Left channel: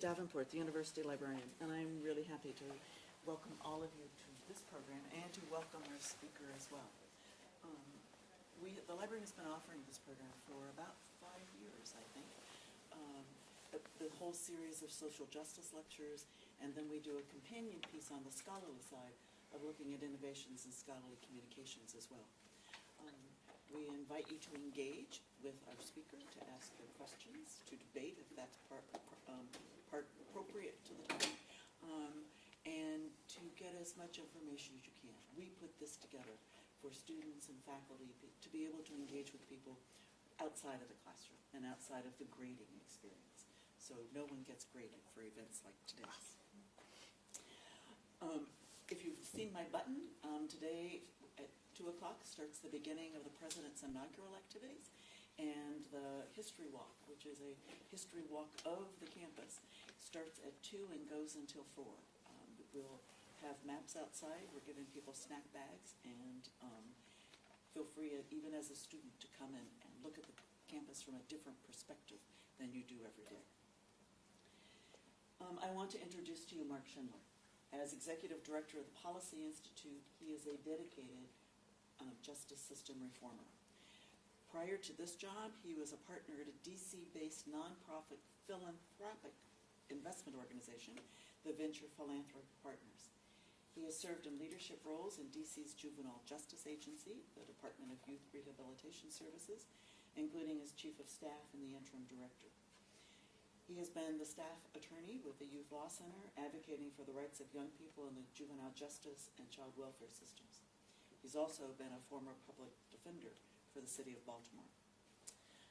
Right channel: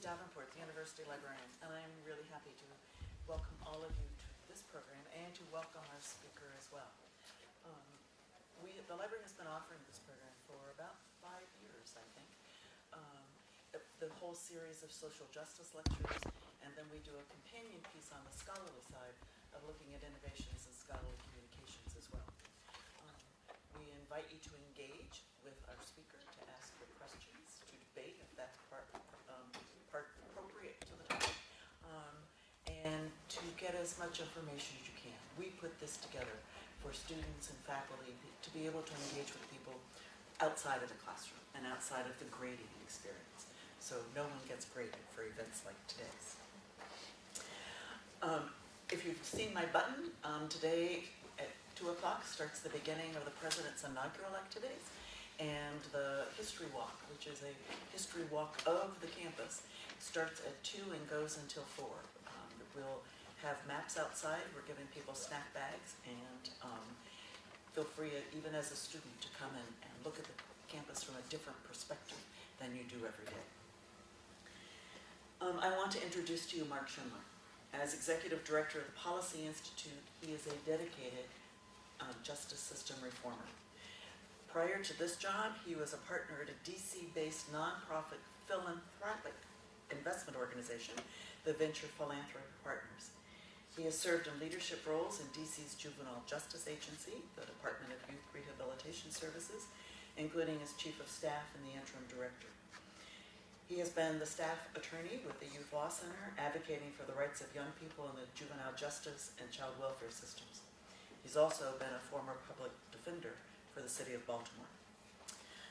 Davenport, the University Librarian, and I'm really happy to welcome all of you to this program and to welcome our speaker as well. The library has been offering this program for about 5 years, I think. The whole series of social justice lectures, and then we do a companion piece on the scholarly side of looking at innovations in scholarly communications as well. We invite you to engage with our speaker, to ask your questions, to debate if that's part appropriate to the topic, and to get as much information as you can. We put this together for students and faculty to be able to engage with people outside of the classroom and outside of the grading experience. So no one gets graded for events like today's. If you've seen my button, today at 2 o'clock starts the beginning of the President's inaugural activities and the history walk, which is a history walk of the campus. Starts at 2 and goes until 4. We'll have maps outside. We're giving people snack bags, and feel free, even as a student, to come in and look at the campus from a different perspective than you do every day. I want to introduce to you Marc Schindler. As Executive Director of the Policy Institute, he is a dedicated justice system reformer. Prior to this job, he was a partner at a DC-based nonprofit philanthropic investment organization, the Venture Philanthropy Partners. He has served in leadership roles in DC's Juvenile Justice Agency, the Department of Youth Rehabilitation Services, including as Chief of Staff and the Interim Director. He has been the staff attorney with the Youth Law Center, advocating for the rights of young people in the juvenile justice and child welfare systems. He's also been a former public defender for the city of Baltimore.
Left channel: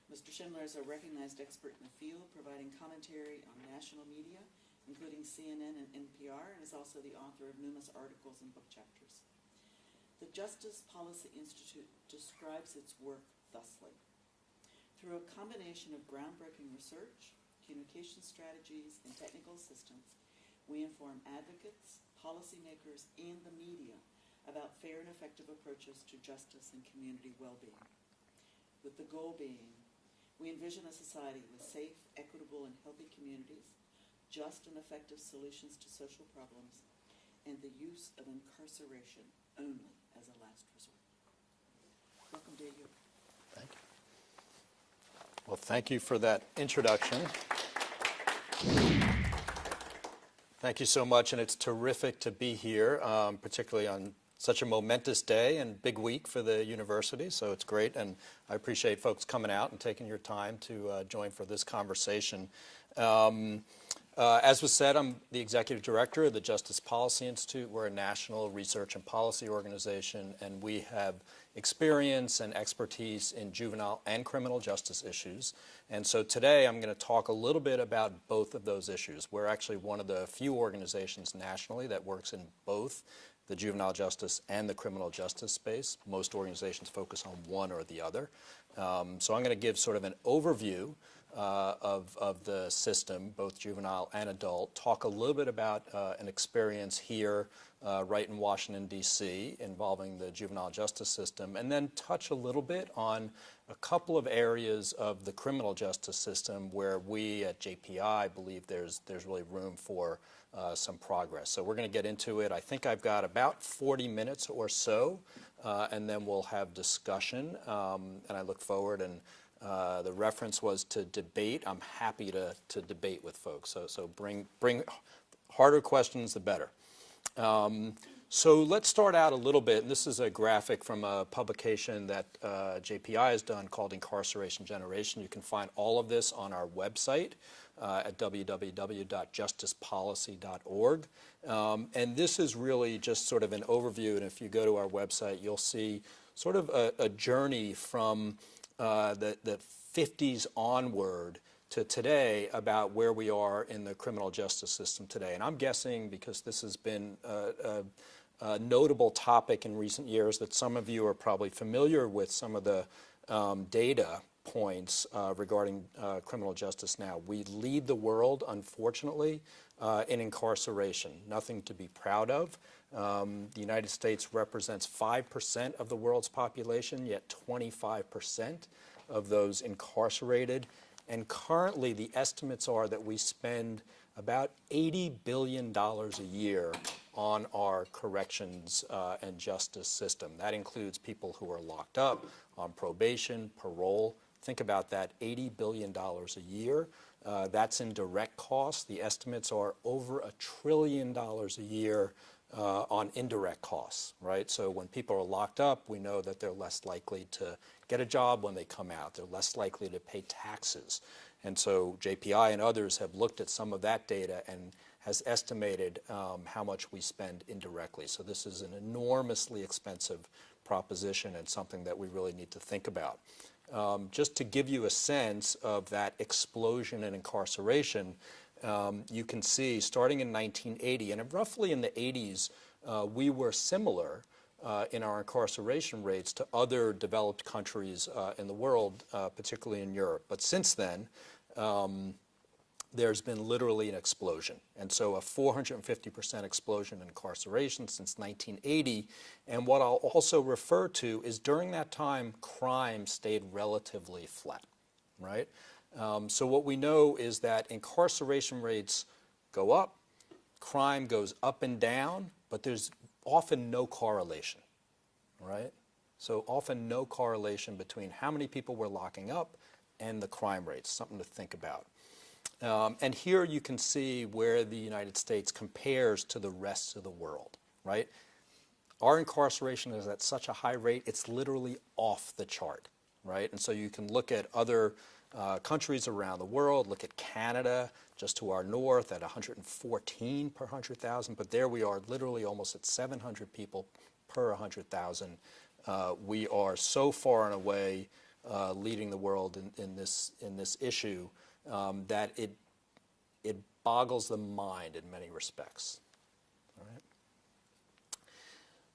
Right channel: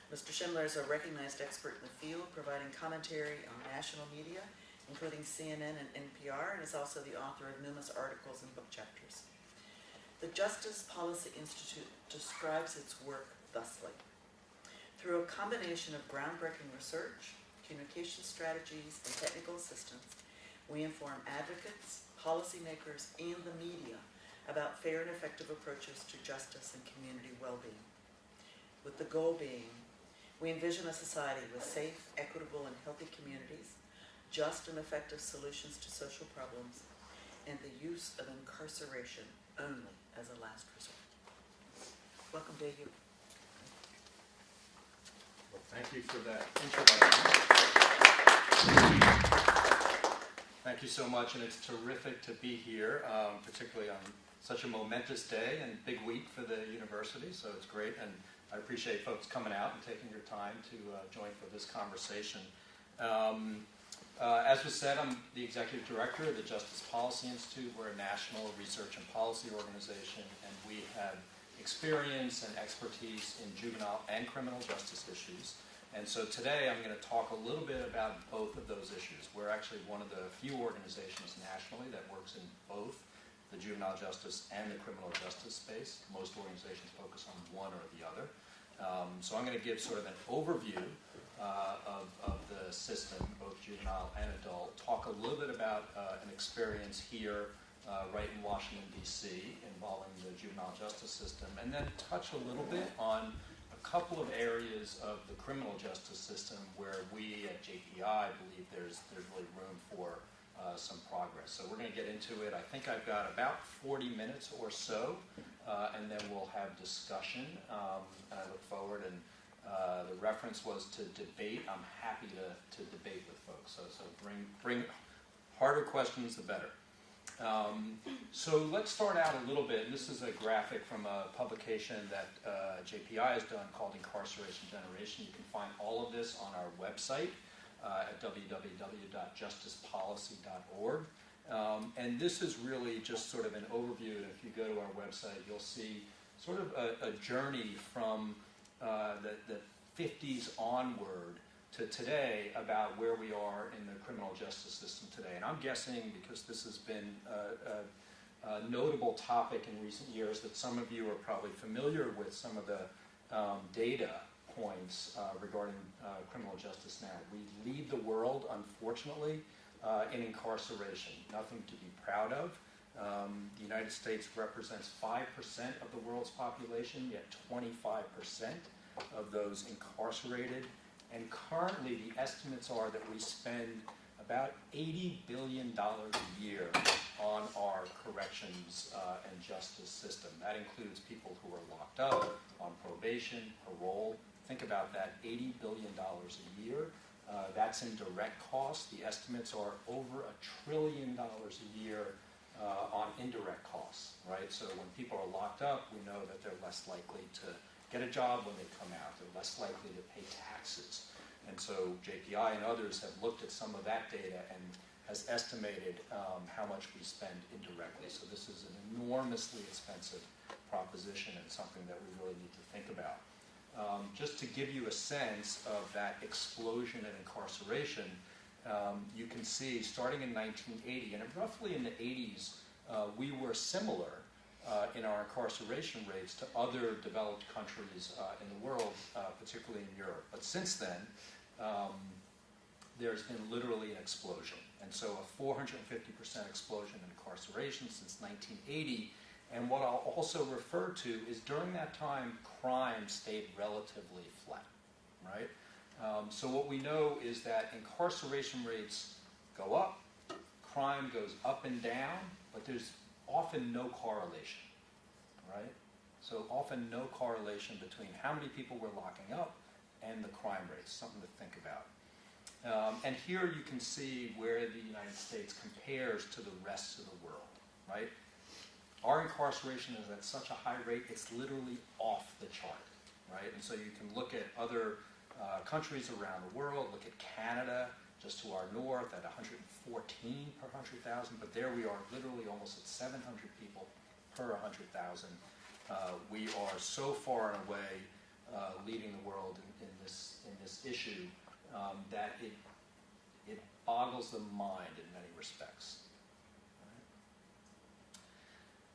Mr. Schindler is a recognized expert in the field, providing commentary on national media, including CNN and NPR, and is also the author of numerous articles and book chapters. The Justice Policy Institute describes its work thusly. Through a combination of groundbreaking research, communication strategies, and technical assistance, we inform advocates, policymakers, and the media about fair and effective approaches to justice and community well-being. With the goal being, we envision a society with safe, equitable, and healthy communities, just and effective solutions to social problems, and the use of incarceration only as a last resort. Welcome to you. Thank you. Well, thank you for that introduction. Thank you so much, and it's terrific to be here, particularly on such a momentous day and big week for the university, so it's great, and I appreciate folks coming out and taking your time to join for this conversation. As was said, I'm the Executive Director of the Justice Policy Institute. We're a national research and policy organization, and we have experience and expertise in juvenile and criminal justice issues. And so today I'm going to talk a little bit about both of those issues. We're actually one of the few organizations nationally that works in both the juvenile justice and the criminal justice space. Most organizations focus on one or the other. So I'm going to give sort of an overview of the system, both juvenile and adult, talk a little bit about an experience here right in Washington, D.C. involving the juvenile justice system, and then touch a little bit on a couple of areas of the criminal justice system where we at JPI believe there's really room for some progress. So we're going to get into it. I think I've got about 40 minutes or so, and then we'll have discussion, and I look forward, and the reference was to debate. I'm happy to debate with folks, so bring harder questions, the better. So let's start out a little bit. This is a graphic from a publication that JPI has done called Incarceration Generation. You can find all of this on our website at www.justicepolicy.org. And this is really just sort of an overview, and if you go to our website, you'll see sort of a journey from the 50s onward to today about where we are in the criminal justice system today. And I'm guessing, because this has been a notable topic in recent years, that some of you are probably familiar with some of the data points regarding criminal justice now. We lead the world, unfortunately, in incarceration. Nothing to be proud of. The United States represents 5% of the world's population, yet 25% of those incarcerated. And currently, the estimates are that we spend about $80 billion a year on our corrections and justice system. That includes people who are locked up, on probation, parole. Think about that, $80 billion a year. That's in direct costs. The estimates are over $1 trillion a year on indirect costs, right? So when people are locked up, we know that they're less likely to get a job when they come out. They're less likely to pay taxes. And so JPI and others have looked at some of that data and has estimated how much we spend indirectly. So this is an enormously expensive proposition and something that we really need to think about. Just to give you a sense of that explosion in incarceration, you can see starting in 1980, and roughly in the 80s, we were similar in our incarceration rates to other developed countries in the world, particularly in Europe. But since then, there's been literally an explosion. And so a 450% explosion in incarceration since 1980. And what I'll also refer to is during that time, crime stayed relatively flat, right? So what we know is that incarceration rates go up, crime goes up and down, but there's often no correlation, right? So often no correlation between how many people we're locking up and the crime rates, something to think about. And here you can see where the United States compares to the rest of the world, right? Our incarceration is at such a high rate, it's literally off the chart, right? And so you can look at other countries around the world, look at Canada, just to our north at 114 per 100,000, but there we are literally almost at 700 people per 100,000. We are so far and away leading the world in this issue that it boggles the mind in many respects.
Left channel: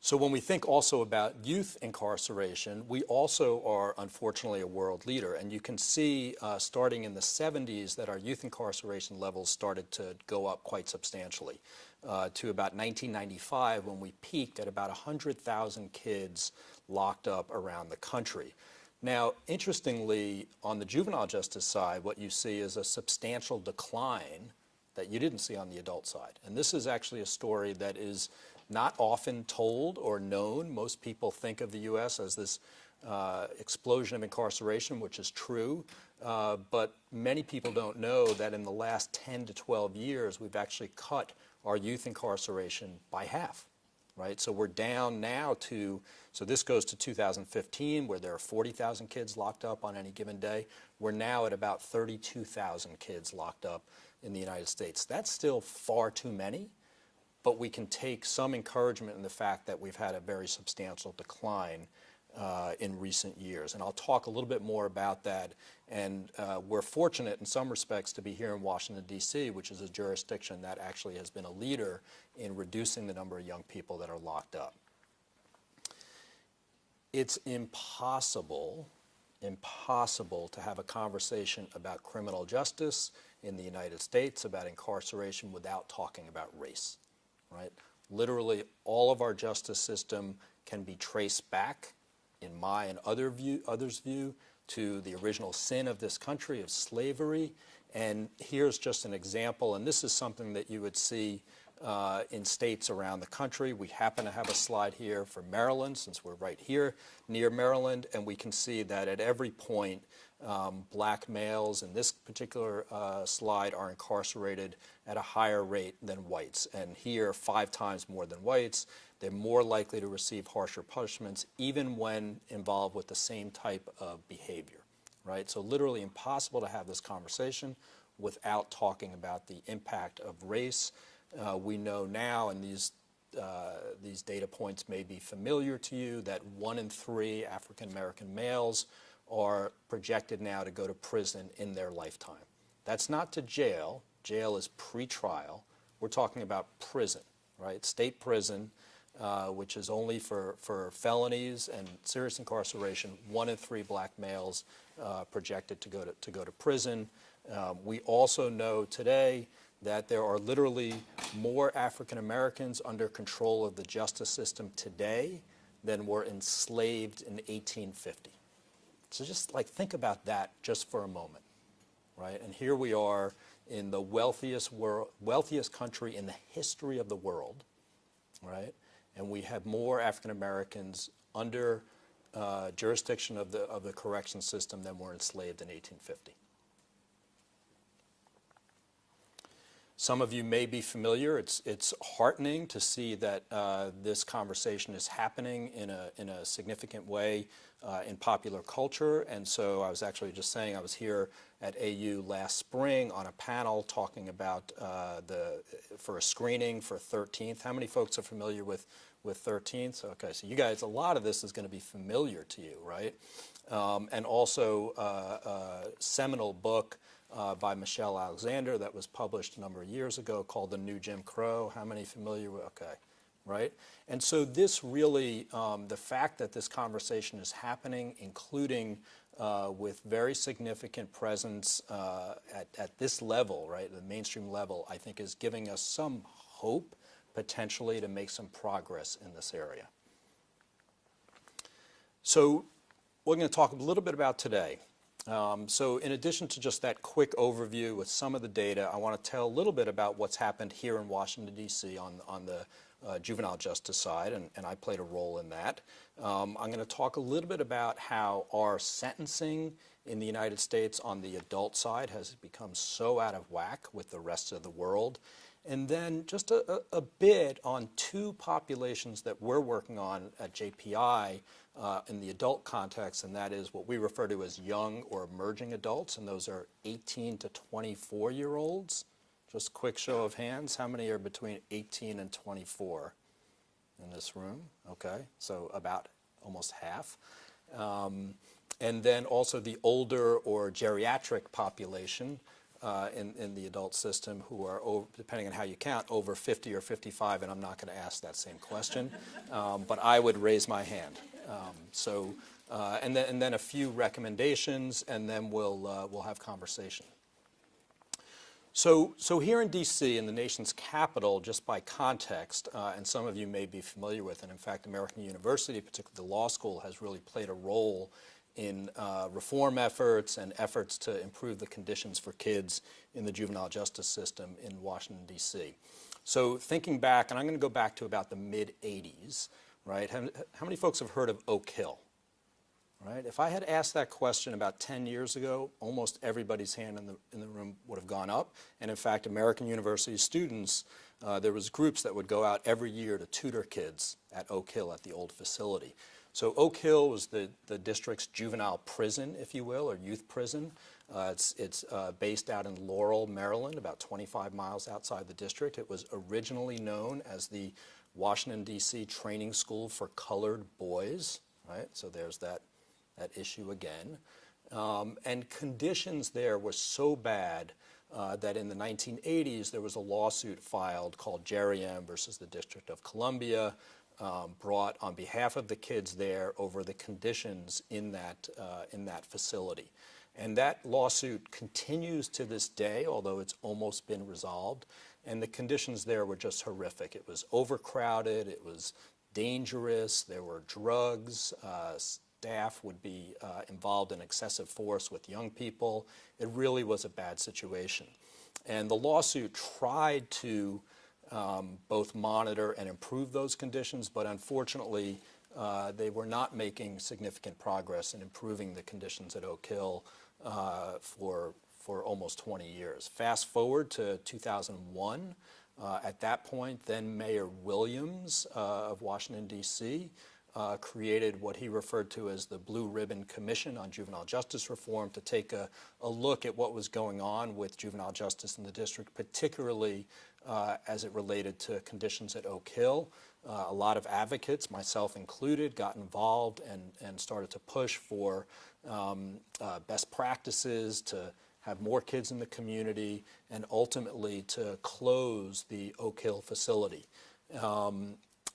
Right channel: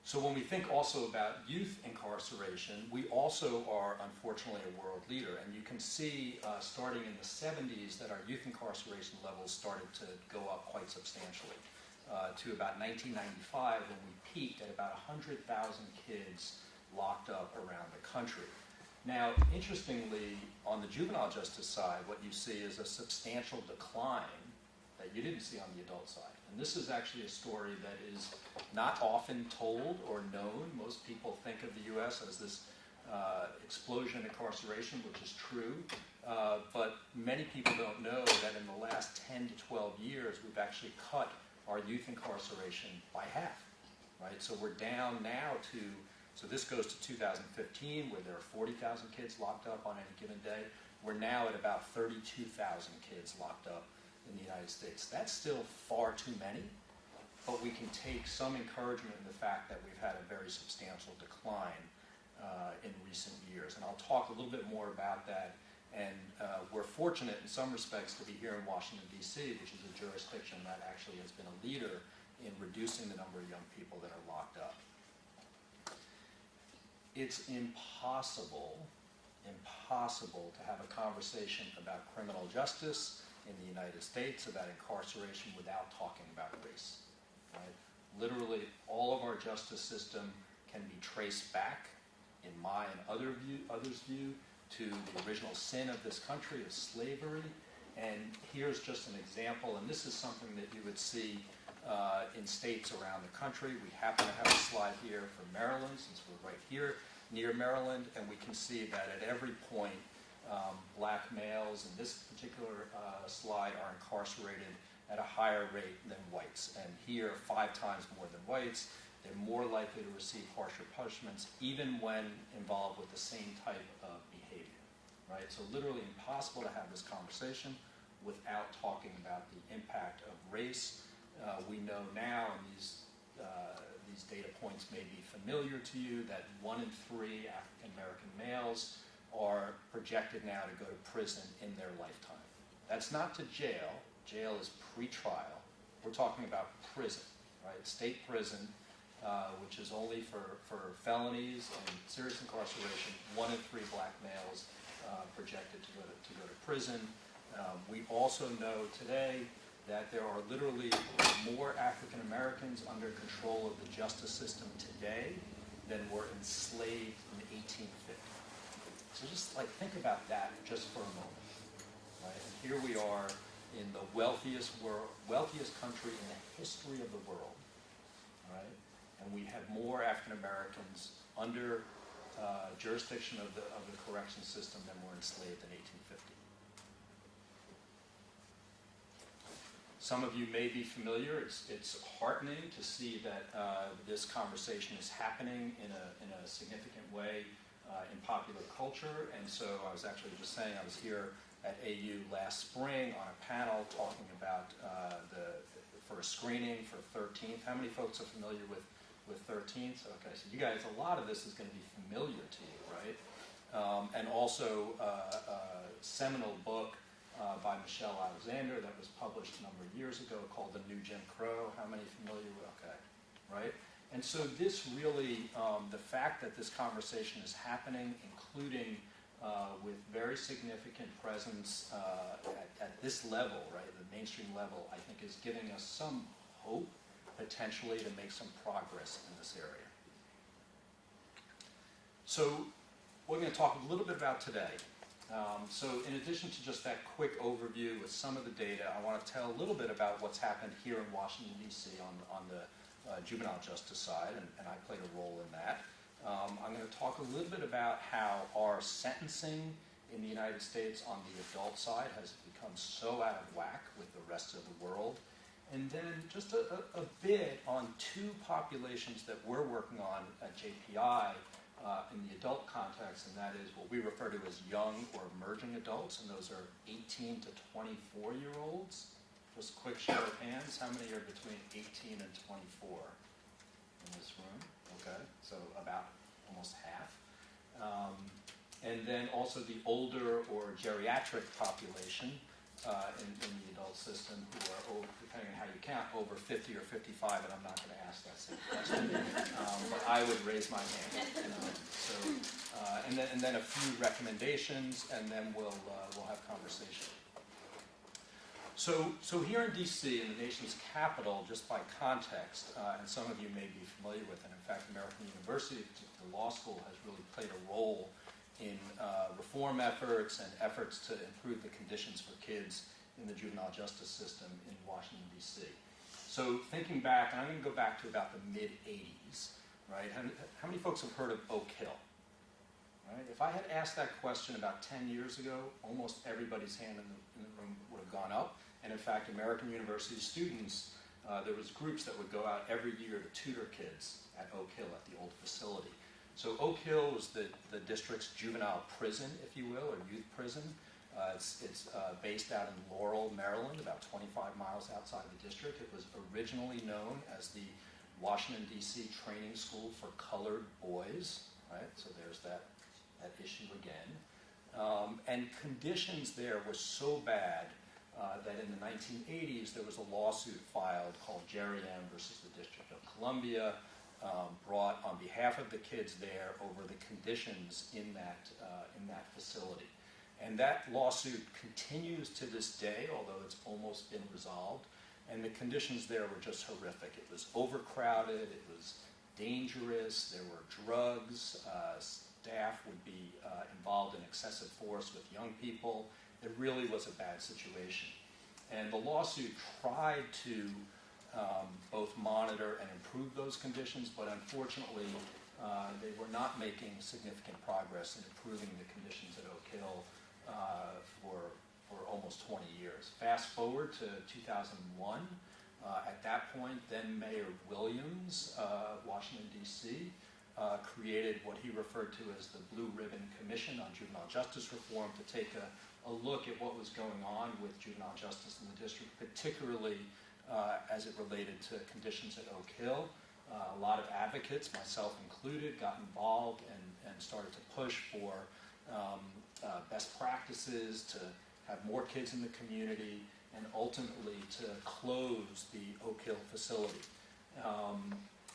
So when we think also about youth incarceration, we also are unfortunately a world leader. And you can see starting in the 70s that our youth incarceration levels started to go up quite substantially to about 1995 when we peaked at about 100,000 kids locked up around the country. Now, interestingly, on the juvenile justice side, what you see is a substantial decline that you didn't see on the adult side. And this is actually a story that is not often told or known. Most people think of the U.S. as this explosion in incarceration, which is true, but many people don't know that in the last 10 to 12 years, we've actually cut our youth incarceration by half, right? So we're down now to, so this goes to 2015, where there are 40,000 kids locked up on any given day. We're now at about 32,000 kids locked up in the United States. That's still far too many, but we can take some encouragement in the fact that we've had a very substantial decline in recent years. And I'll talk a little bit more about that. And we're fortunate in some respects to be here in Washington, D.C., which is a jurisdiction that actually has been a leader in reducing the number of young people that are locked up. It's impossible to have a conversation about criminal justice in the United States, about incarceration, without talking about race, right? Literally, all of our justice system can be traced back, in my and others' view, to the original sin of this country, of slavery. And here's just an example, and this is something that you would see in states around the country. We happen to have a slide here for Maryland, since we're right here near Maryland, and we can see that at every point, black males in this particular slide are incarcerated at a higher rate than whites. And here, 5 times more than whites. They're more likely to receive harsher punishments, even when involved with the same type of behavior, right? So literally impossible to have this conversation without talking about the impact of race. We know now, and these data points may be familiar to you, that 1 in 3 African American males are projected now to go to prison in their lifetime. That's not to jail. Jail is pre-trial. We're talking about prison, right? State prison, which is only for felonies and serious incarceration. 1 in 3 black males projected to go to prison. We also know today that there are literally more African Americans under control of the justice system today than were enslaved in 1850. So just like think about that just for a moment, right? And here we are in the wealthiest country in the history of the world, right? And we had more African Americans under jurisdiction of the correction system than were enslaved in 1850. Some of you may be familiar. It's heartening to see that this conversation is happening in a significant way in popular culture. And so I was actually just saying I was here at AU last spring on a panel talking about for a screening for 13th. How many folks are familiar with 13th? Okay, so you guys, a lot of this is going to be familiar to you, right? And also a seminal book by Michelle Alexander that was published a number of years ago called The New Jim Crow. How many familiar with? Okay, right? And so this really, the fact that this conversation is happening, including with very significant presence at this level, right, the mainstream level, I think is giving us some hope potentially to make some progress in this area. So we're going to talk a little bit about today. So in addition to just that quick overview with some of the data, I want to tell a little bit about what's happened here in Washington, D.C. on the juvenile justice side, and I played a role in that. I'm going to talk a little bit about how our sentencing in the United States on the adult side has become so out of whack with the rest of the world. And then just a bit on two populations that we're working on at JPI in the adult context, and that is what we refer to as young or emerging adults, and those are 18 to 24-year-olds. Just a quick show of hands, how many are between 18 and 24 in this room? Okay, so about almost half. And then also the older or geriatric population in the adult system who are, depending on how you count, over 50 or 55, and I'm not going to ask that same question, but I would raise my hand. And then a few recommendations, and then we'll have conversation. So here in D.C., in the nation's capital, just by context, and some of you may be familiar with, and in fact American University, particularly the law school, has really played a role in reform efforts and efforts to improve the conditions for kids in the juvenile justice system in Washington, D.C. So thinking back, and I'm going to go back to about the mid-'80s, right? How many folks have heard of Oak Hill? Right? If I had asked that question about 10 years ago, almost everybody's hand in the room would have gone up. And in fact, American University students, there was groups that would go out every year to tutor kids at Oak Hill at the old facility. So Oak Hill was the district's juvenile prison, if you will, or youth prison. It's based out in Laurel, Maryland, about 25 miles outside the district. It was originally known as the Washington, D.C. Training School for Colored Boys, right? So there's that issue again. And conditions there were so bad that in the 1980s there was a lawsuit filed called Geriatrics versus the District of Columbia, brought on behalf of the kids there over the conditions in that facility. And that lawsuit continues to this day, although it's almost been resolved. And the conditions there were just horrific. It was overcrowded, it was dangerous, there were drugs, staff would be involved in excessive force with young people. It really was a bad situation. And the lawsuit tried to both monitor and improve those conditions, but unfortunately they were not making significant progress in improving the conditions at Oak Hill for almost 20 years. Fast forward to 2001. At that point, then Mayor Williams of Washington, D.C., created what he referred to as the Blue Ribbon Commission on Juvenile Justice Reform to take a look at what was going on with juvenile justice in the district, particularly as it related to conditions at Oak Hill. A lot of advocates, myself included, got involved and started to push for best practices to have more kids in the community and ultimately to close the Oak Hill facility.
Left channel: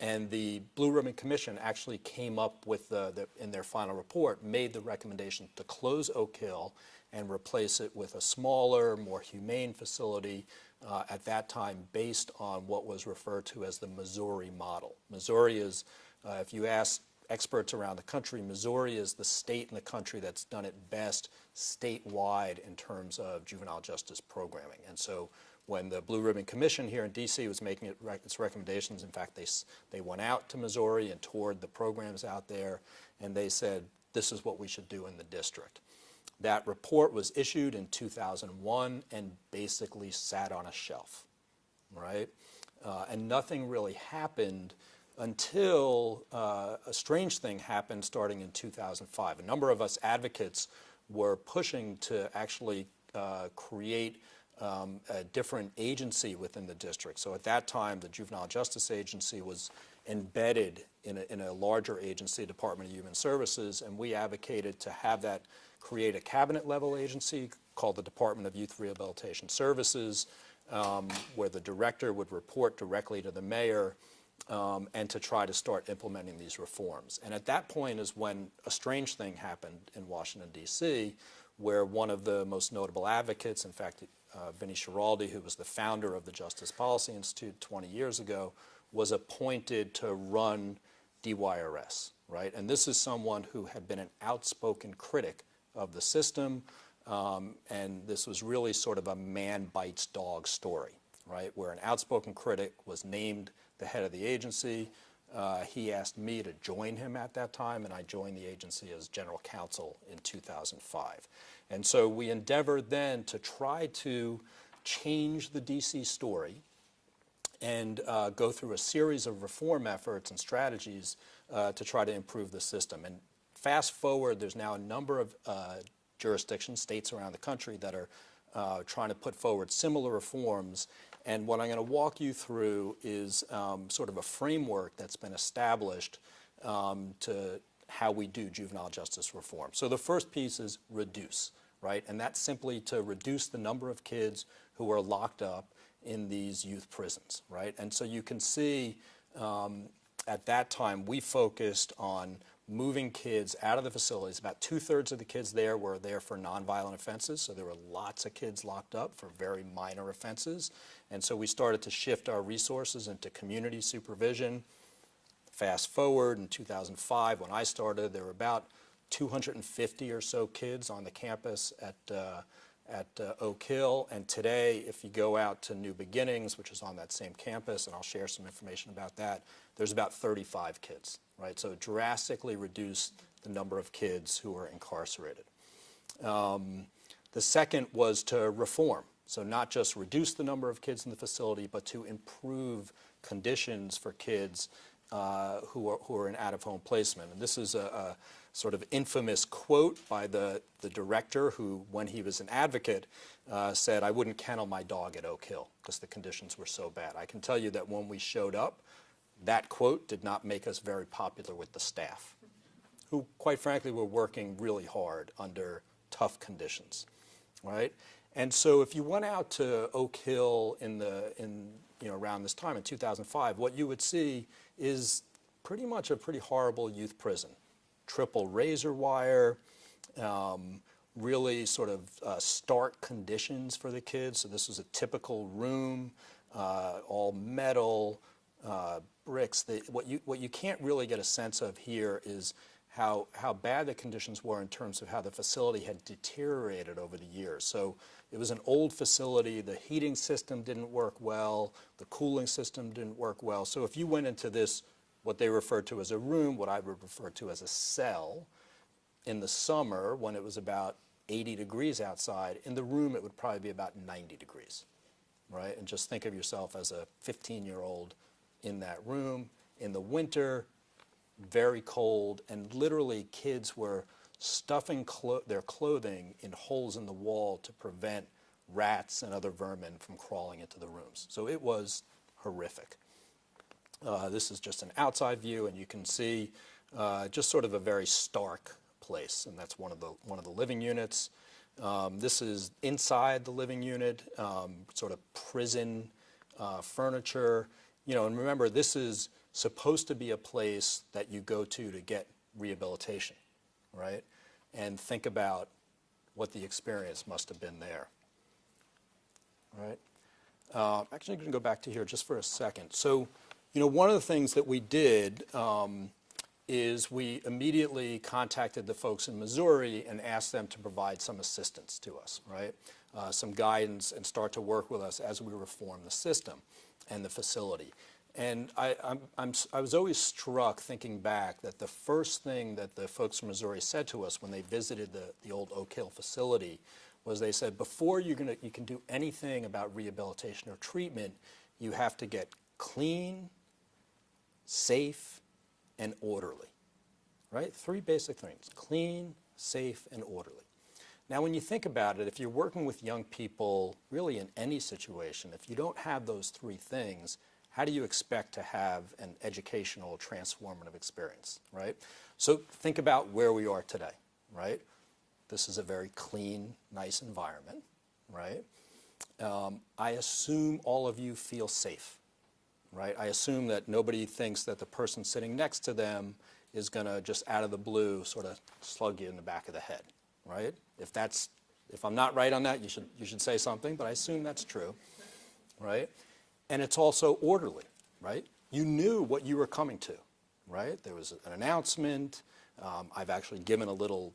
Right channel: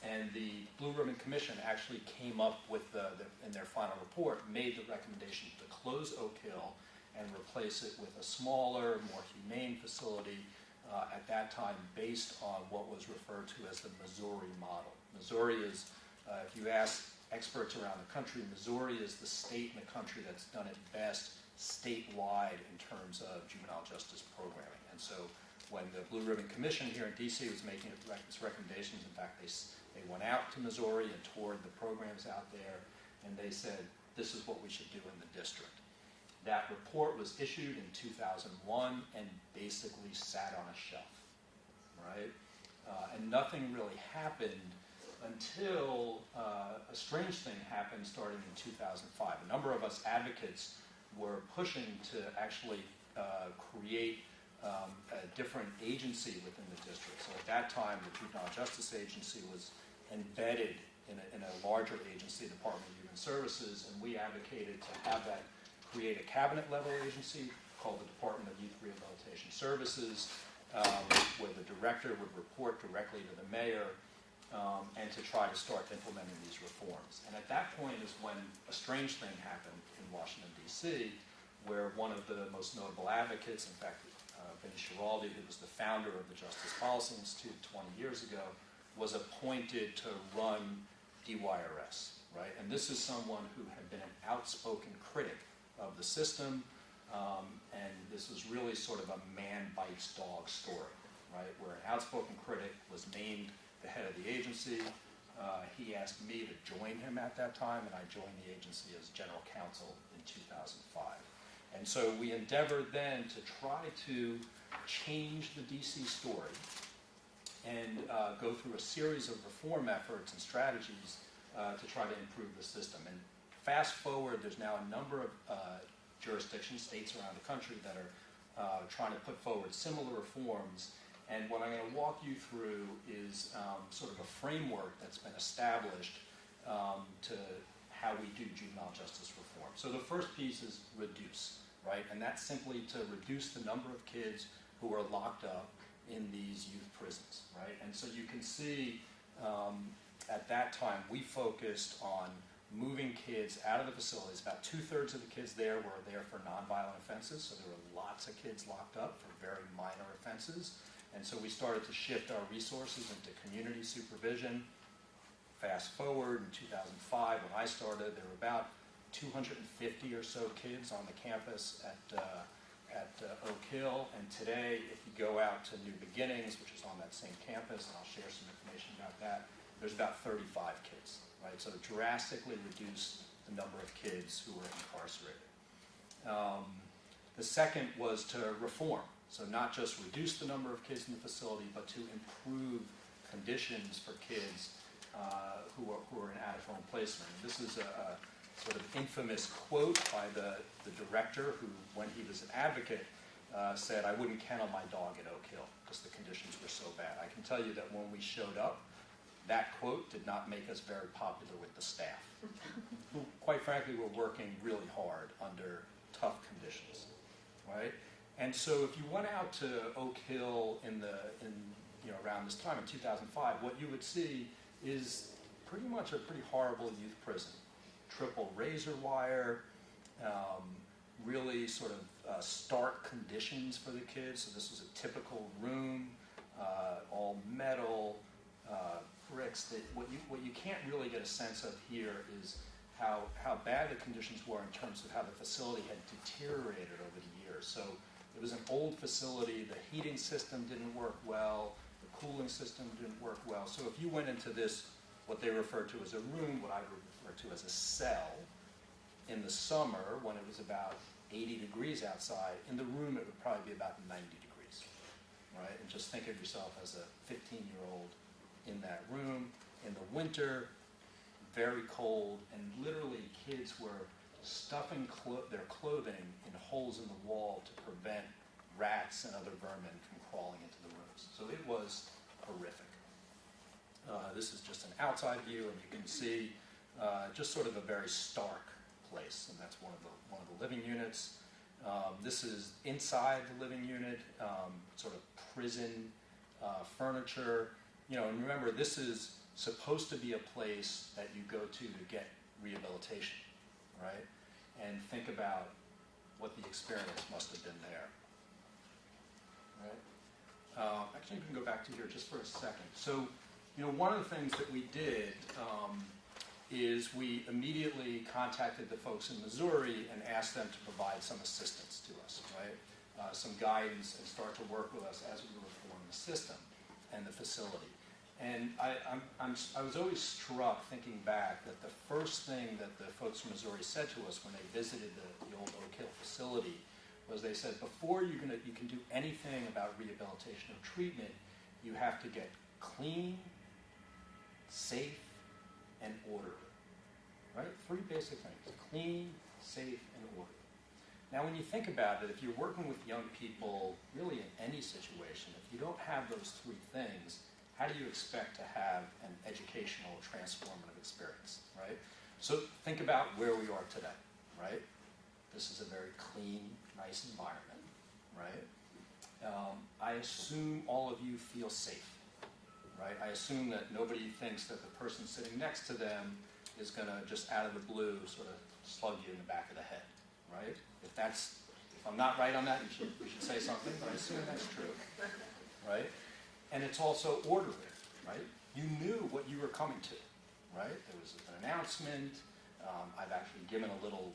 And the Blue Ribbon Commission actually came up with, in their final report, made the recommendation to close Oak Hill and replace it with a smaller, more humane facility at that time based on what was referred to as the Missouri model. Missouri is, if you ask experts around the country, Missouri is the state in the country that's done it best statewide in terms of juvenile justice programming. And so when the Blue Ribbon Commission here in DC was making its recommendations, in fact, they went out to Missouri and toured the programs out there, and they said, this is what we should do in the district. That report was issued in 2001 and basically sat on a shelf, right? And nothing really happened until a strange thing happened starting in 2005. A number of us advocates were pushing to actually create a different agency within the district. So at that time, the Juvenile Justice Agency was embedded in a larger agency, Department of Human Services, and we advocated to have that create a cabinet-level agency called the Department of Youth Rehabilitation Services, where the director would report directly to the mayor, and to try to start implementing these reforms. And at that point is when a strange thing happened in Washington, D.C., where one of the most notable advocates, in fact, Vinnie Schiraldi, who was the founder of the Justice Policy Institute 20 years ago, was appointed to run DYRS, right? And this is someone who had been an outspoken critic of the system, and this was really sort of a man bites dog story, right? Where an outspoken critic was named the head of the agency. He asked me to join him at that time, and I joined the agency as General Counsel in 2005. And so we endeavored then to try to change the DC story and go through a series of reform efforts and strategies to try to improve the system. And fast forward, there's now a number of jurisdictions, states around the country that are trying to put forward similar reforms. And what I'm going to walk you through is sort of a framework that's been established to how we do juvenile justice reform. So the first piece is reduce, right? And that's simply to reduce the number of kids who are locked up in these youth prisons, right? And so you can see at that time we focused on moving kids out of the facilities. About 2/3 of the kids there were there for nonviolent offenses, so there were lots of kids locked up for very minor offenses. And so we started to shift our resources into community supervision. Fast forward in 2005, when I started, there were about 250 or so kids on the campus at Oak Hill. And today, if you go out to New Beginnings, which is on that same campus, and I'll share some information about that, there's about 35 kids, right? So drastically reduced the number of kids who are incarcerated. The second was to reform. So not just reduce the number of kids in the facility, but to improve conditions for kids who are in out-of-home placement. And this is a sort of infamous quote by the director who, when he was an advocate, said, "I wouldn't kennel my dog at Oak Hill because the conditions were so bad." I can tell you that when we showed up, that quote did not make us very popular with the staff, who, quite frankly, were working really hard under tough conditions, right? And so if you went out to Oak Hill around this time in 2005, what you would see is pretty much a pretty horrible youth prison. Triple razor wire, really sort of stark conditions for the kids. So this was a typical room, all metal, bricks. What you can't really get a sense of here is how bad the conditions were in terms of how the facility had deteriorated over the years. So it was an old facility. The heating system didn't work well. The cooling system didn't work well. So if you went into this, what they referred to as a room, what I would refer to as a cell, in the summer when it was about 80 degrees outside, in the room it would probably be about 90 degrees, right? And just think of yourself as a 15-year-old in that room. In the winter, very cold, and literally kids were stuffing their clothing in holes in the wall to prevent rats and other vermin from crawling into the rooms. So it was horrific. This is just an outside view, and you can see just sort of a very stark place, and that's one of the living units. This is inside the living unit, sort of prison furniture. And remember, this is supposed to be a place that you go to get rehabilitation, right? And think about what the experience must have been there, right? Actually, I'm going to go back to here just for a second. So, one of the things that we did is we immediately contacted the folks in Missouri and asked them to provide some assistance to us, right? Some guidance, and start to work with us as we reform the system and the facility. And I was always struck thinking back that the first thing that the folks from Missouri said to us when they visited the old Oak Hill facility was they said, before you can do anything about rehabilitation or treatment, you have to get clean, safe, and orderly, right? 3 basic things: clean, safe, and orderly. Now, when you think about it, if you're working with young people, really in any situation, if you don't have those 3 things, how do you expect to have an educational, transformative experience, right? So think about where we are today, right? This is a very clean, nice environment, right? I assume all of you feel safe, right? I assume that nobody thinks that the person sitting next to them is going to just out of the blue sort of slug you in the back of the head, right? If I'm not right on that, you should say something, but I assume that's true, right? And it's also orderly, right? You knew what you were coming to, right? There was an announcement. I've actually given a little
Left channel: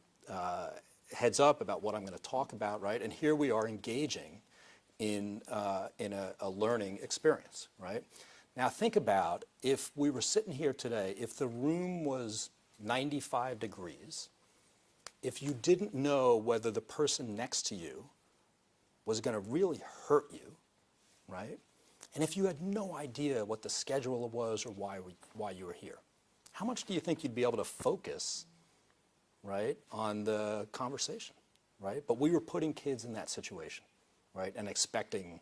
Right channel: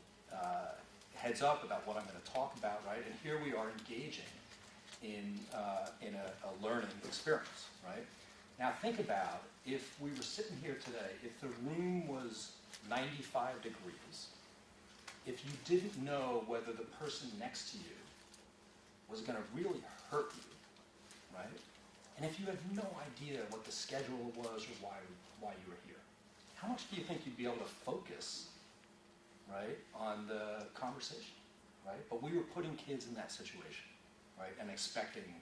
heads up about what I'm going to talk about, right? And here we are engaging in a learning experience, right? Now think about if we were sitting here today, if the room was 95 degrees, if you didn't know whether the person next to you was going to really hurt you, right? And if you had no idea what the schedule was or why you were here, how much do you think you'd be able to focus, right, on the conversation, right? But we were putting kids in that situation, right, and expecting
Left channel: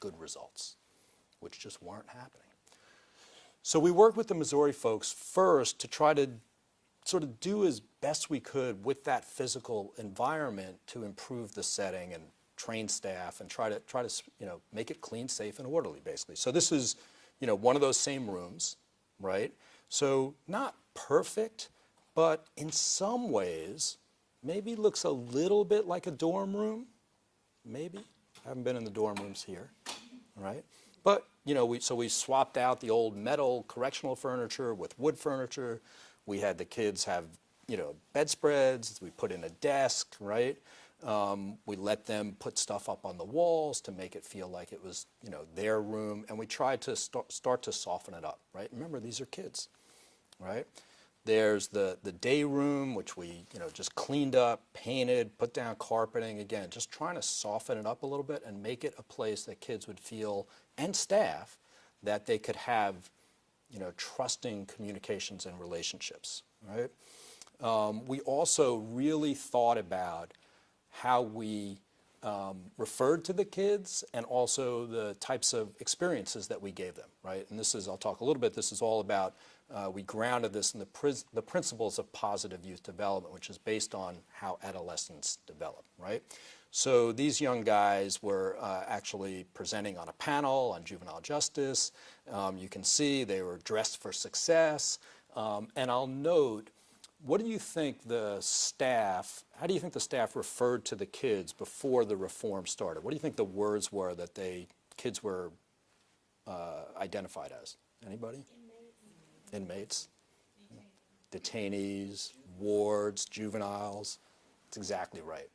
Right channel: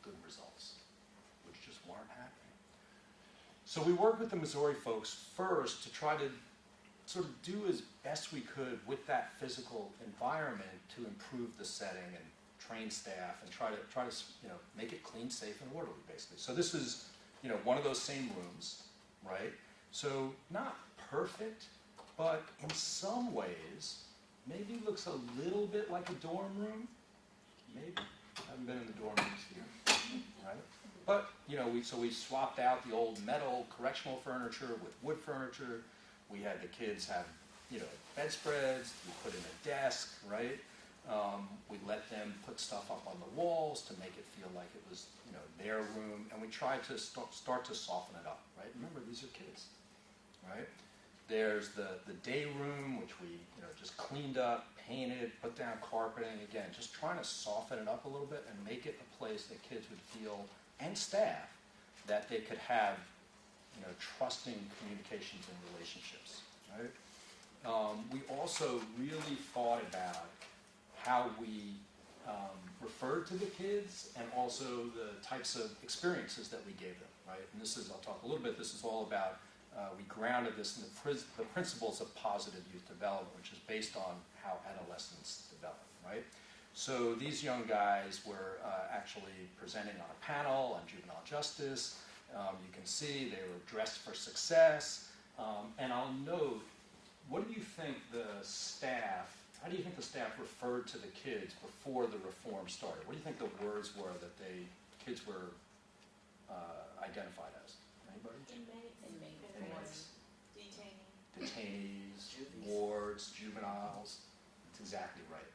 good results, which just weren't happening. So we worked with the Missouri folks first to try to sort of do as best we could with that physical environment to improve the setting and train staff and try to make it clean, safe, and orderly, basically. So this is one of those same rooms, right? So not perfect, but in some ways maybe looks a little bit like a dorm room. Maybe. I haven't been in the dorm rooms here, right? But we swapped out the old metal correctional furniture with wood furniture. We had the kids have bedspreads. We put in a desk, right? We let them put stuff up on the walls to make it feel like it was their room, and we tried to start to soften it up, right? Remember, these are kids, right? There's the day room, which we just cleaned up, painted, put down carpeting, again, just trying to soften it up a little bit and make it a place that kids would feel, and staff, that they could have trusting communications and relationships, right? We also really thought about how we referred to the kids and also the types of experiences that we gave them, right? And I'll talk a little bit, this is all about, we grounded this in the principles of positive youth development, which is based on how adolescents develop, right? So these young guys were actually presenting on a panel on juvenile justice. You can see they were dressed for success. And I'll note, how do you think the staff referred to the kids before the reform started? What do you think the words were that kids were identified as? Anybody? Inmates. Detainees, wards, juveniles. That's exactly right.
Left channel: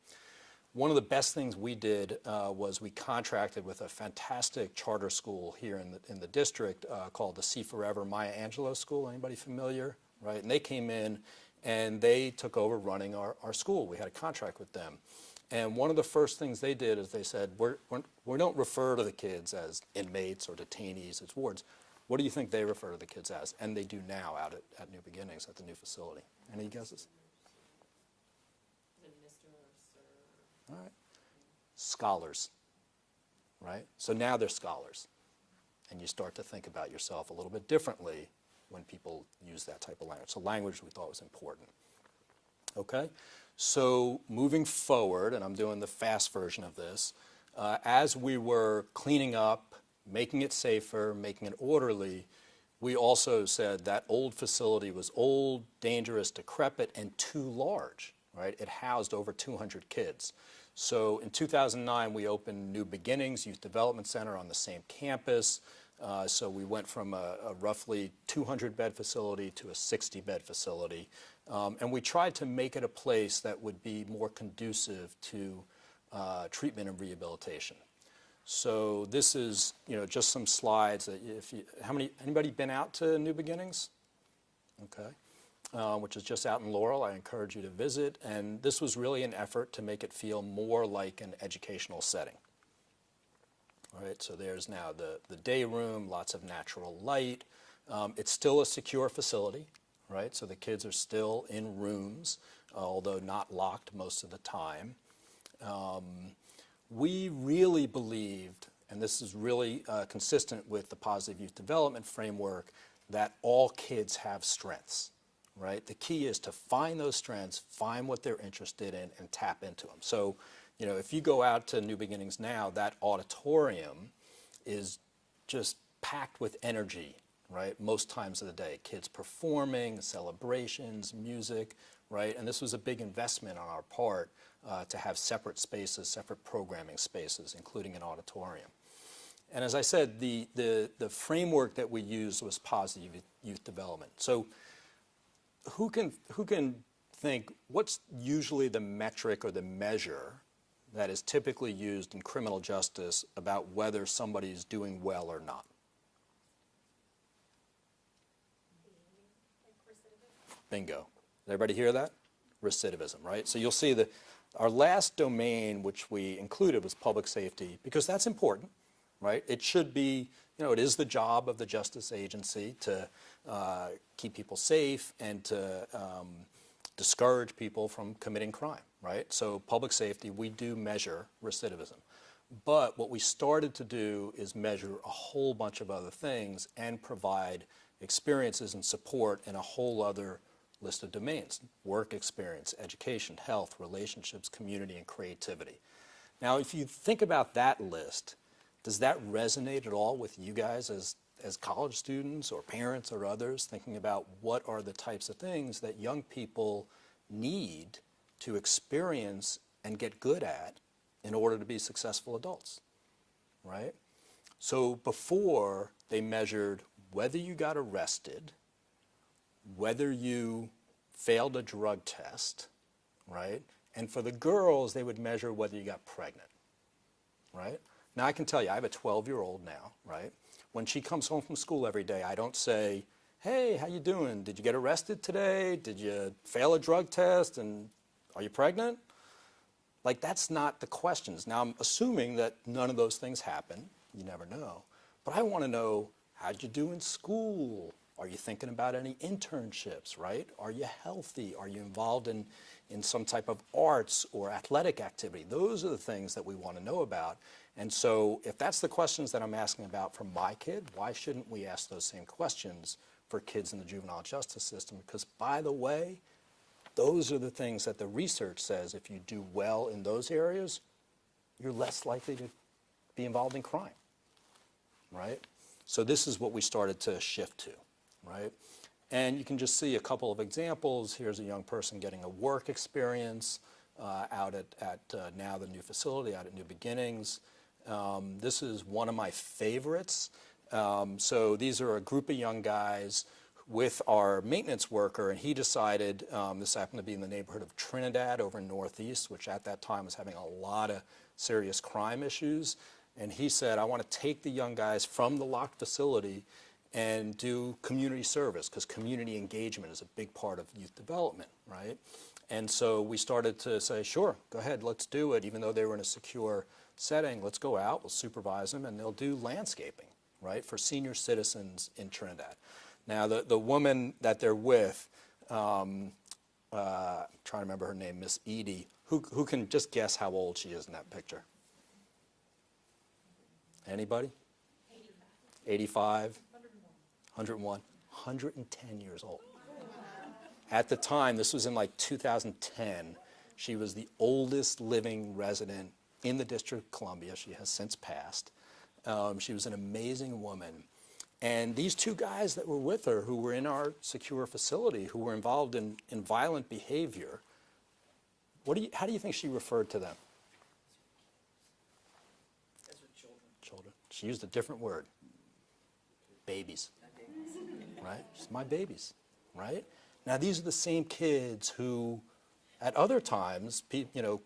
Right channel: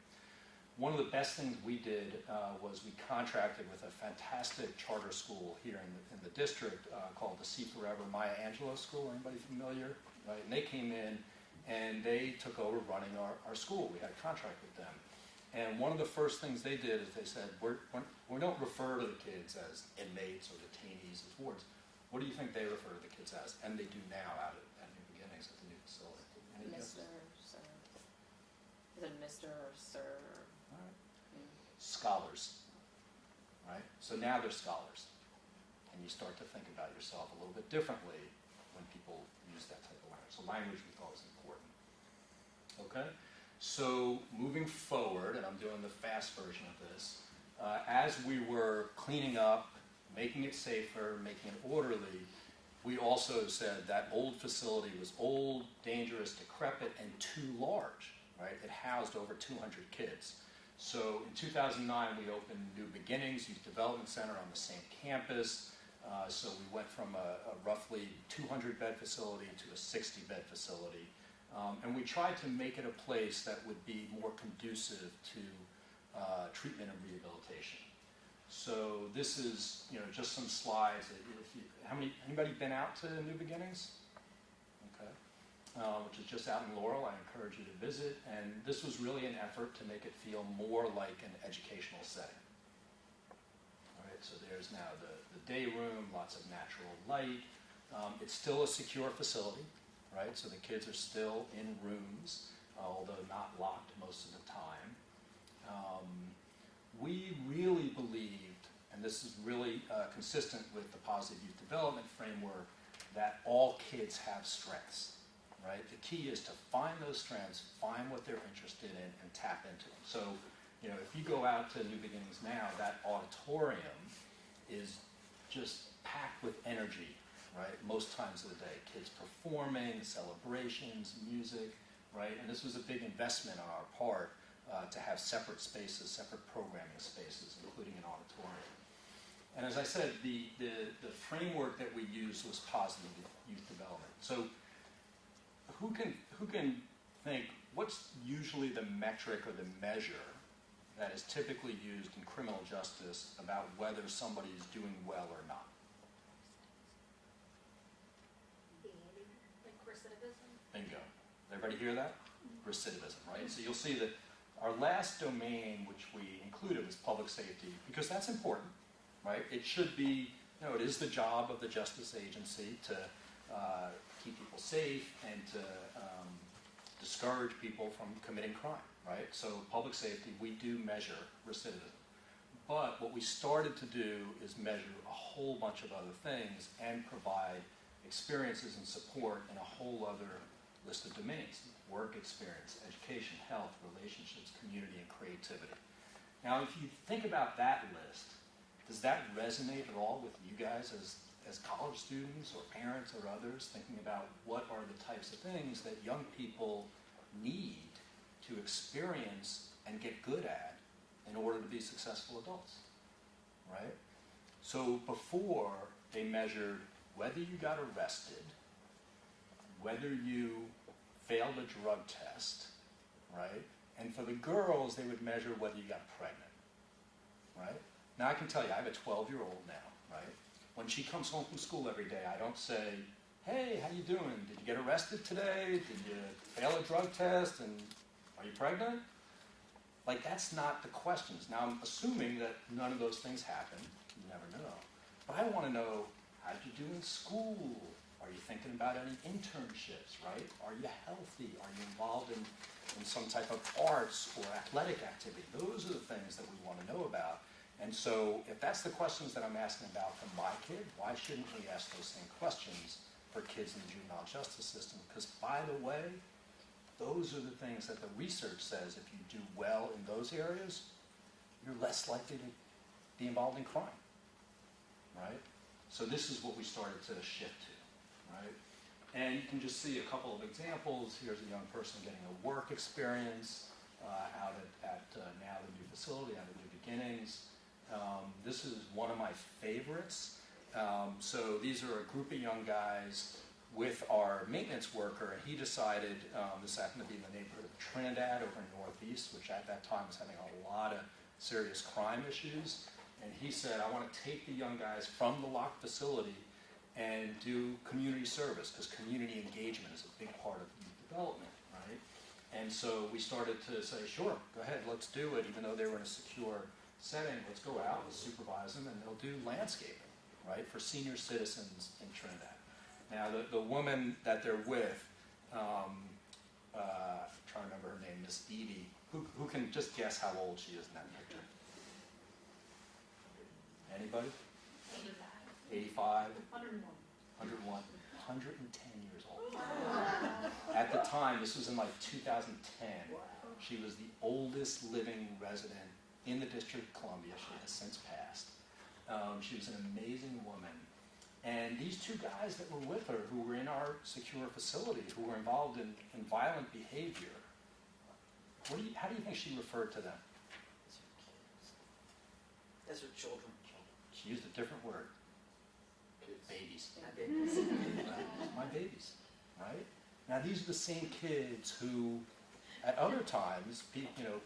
One of the best things we did was we contracted with a fantastic charter school here in the district called the See Forever Maya Angelou School. Anybody familiar? Right? And they came in and they took over running our school. We had a contract with them. And one of the first things they did is they said, we don't refer to the kids as inmates or detainees, as wards. What do you think they refer to the kids as? And they do now out at New Beginnings at the new facility. Any guesses? Is it Mr. or Sir? All right. Scholars, right? So now they're scholars. And you start to think about yourself a little bit differently when people use that type of language. So language we thought was important. Okay? So moving forward, and I'm doing the fast version of this, as we were cleaning up, making it safer, making it orderly, we also said that old facility was old, dangerous, decrepit, and too large, right? It housed over 200 kids. So in 2009, we opened New Beginnings Youth Development Center on the same campus. So we went from a roughly 200-bed facility to a 60-bed facility. And we tried to make it a place that would be more conducive to treatment and rehabilitation. So this is, just some slides. Anybody been out to New Beginnings? Okay. Which is just out in Laurel. I encourage you to visit. And this was really an effort to make it feel more like an educational setting. All right, so there's now the day room, lots of natural light. It's still a secure facility, right? So the kids are still in rooms, although not locked most of the time. We really believed, and this is really consistent with the positive youth development framework, that all kids have strengths, right? The key is to find those strengths, find what they're interested in, and tap into them. So, if you go out to New Beginnings now, that auditorium is just packed with energy, right? Most times of the day, kids performing, celebrations, music, right? And this was a big investment on our part to have separate spaces, separate programming spaces, including an auditorium. And as I said, the framework that we used was positive youth development. So who can think, what's usually the metric or the measure that is typically used in criminal justice about whether somebody is doing well or not? Like recidivism? Bingo. Did everybody hear that? Recidivism, right? So you'll see that our last domain, which we included, was public safety, because that's important, right? It should be, it is the job of the justice agency to keep people safe and to discourage people from committing crime, right? So public safety, we do measure recidivism. But what we started to do is measure a whole bunch of other things and provide experiences and support in a whole other list of domains: work experience, education, health, relationships, community, and creativity. Now, if you think about that list, does that resonate at all with you guys as college students or parents or others, thinking about what are the types of things that young people need to experience and get good at in order to be successful adults, right? So before, they measured whether you got arrested, whether you failed a drug test, right? And for the girls, they would measure whether you got pregnant, right? Now, I can tell you, I have a 12-year-old now, right? When she comes home from school every day, I don't say, hey, how you doing? Did you get arrested today? Did you fail a drug test? And are you pregnant? Like, that's not the questions. Now, I'm assuming that none of those things happen. You never know. But I want to know, how'd you do in school? Are you thinking about any internships, right? Are you healthy? Are you involved in some type of arts or athletic activity? Those are the things that we want to know about. And so if that's the questions that I'm asking about from my kid, why shouldn't we ask those same questions for kids in the juvenile justice system? Because, by the way, those are the things that the research says if you do well in those areas, you're less likely to be involved in crime, right? So this is what we started to shift to, right? And you can just see a couple of examples. Here's a young person getting a work experience out at now the new facility, out at New Beginnings. This is one of my favorites. So these are a group of young guys with our maintenance worker, and he decided, this happened to be in the neighborhood of Trinidad over in Northeast, which at that time was having a lot of serious crime issues. And he said, I want to take the young guys from the locked facility and do community service, because community engagement is a big part of youth development, right? And so we started to say, sure, go ahead, let's do it. Even though they were in a secure setting, let's go out, we'll supervise them, and they'll do landscaping, right, for senior citizens in Trinidad. Now, the woman that they're with, trying to remember her name, Miss Edie, who can just guess how old she is in that picture? Anybody? 85? 101. 110 years old. At the time, this was in like 2010, she was the oldest living resident in the District of Columbia. She has since passed. She was an amazing woman. And these two guys that were with her, who were in our secure facility, who were involved in violent behavior, how do you think she referred to them? As her children. Children. She used a different word. babies, right? Just my babies, right? Now these are the same kids who, at other times,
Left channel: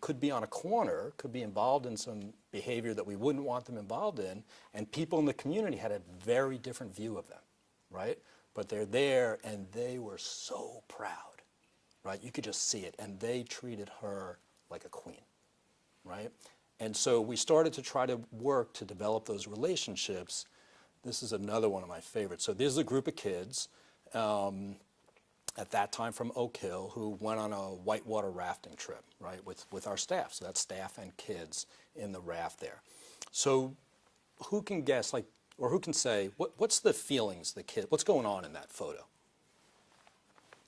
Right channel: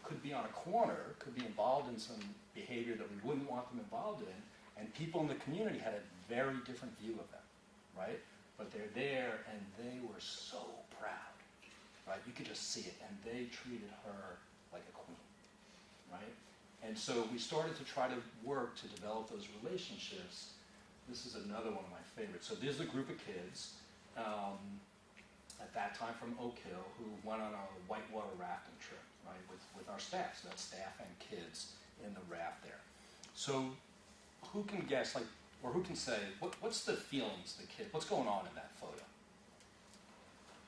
could be on a corner, could be involved in some behavior that we wouldn't want them involved in, and people in the community had a very different view of them, right? But they're there, and they were so proud, right? You could just see it, and they treated her like a queen, right? And so we started to try to work to develop those relationships. This is another one of my favorites. So there's a group of kids at that time from Oak Hill who went on a whitewater rafting trip, right, with our staff. So that's staff and kids in the raft there. So who can guess, or who can say, what's the feelings the kid, what's going on in that photo?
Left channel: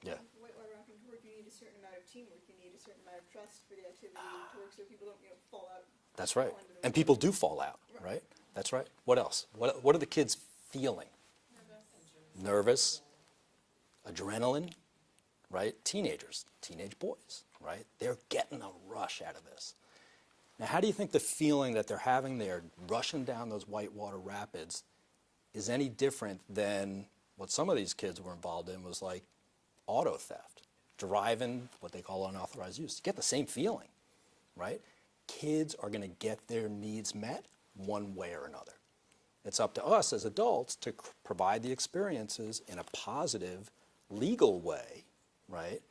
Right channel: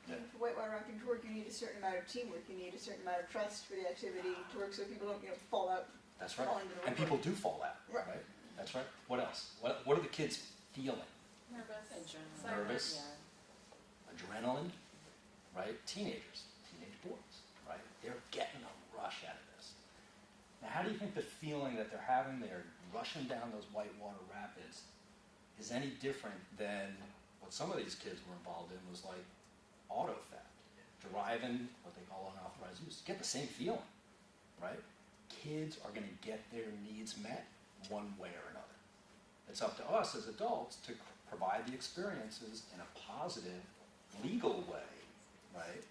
Yeah. For whitewater rafting to work, you need a certain amount of teamwork. You need a certain amount of trust for the activity to work so people don't fall out. That's right. fall into the And water. people do fall out, right? That's right. What else? What are the kids feeling? Nervous. Yeah. Adrenaline, right? Teenagers, teenage boys, right? They're getting a rush out of this. Now, how do you think the feeling that they're having there, rushing down those whitewater rapids, is any different than what some of these kids were involved in was like auto theft, driving, what they call unauthorized use? You get the same feeling, right? Kids are going to get their needs met one way or another. It's up to us as adults to provide the experiences in a positive, legal way, right,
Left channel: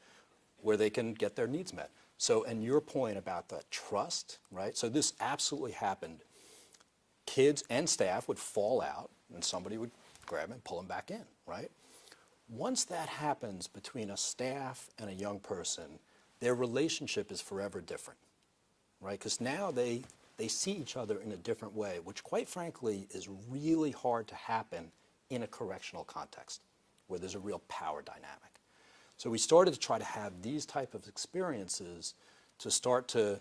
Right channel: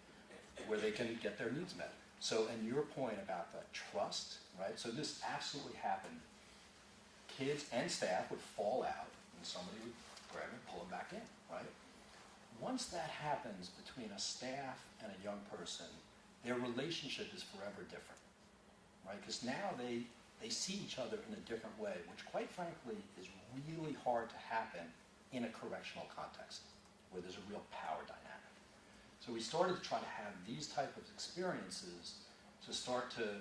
where they can get their needs met. So, and your point about the trust, right, so this absolutely happened. Kids and staff would fall out, and somebody would grab them and pull them back in, right? Once that happens between a staff and a young person, their relationship is forever different, right? Because now they see each other in a different way, which quite frankly is really hard to happen in a correctional context where there's a real power dynamic. So we started to try to have these type of experiences to start to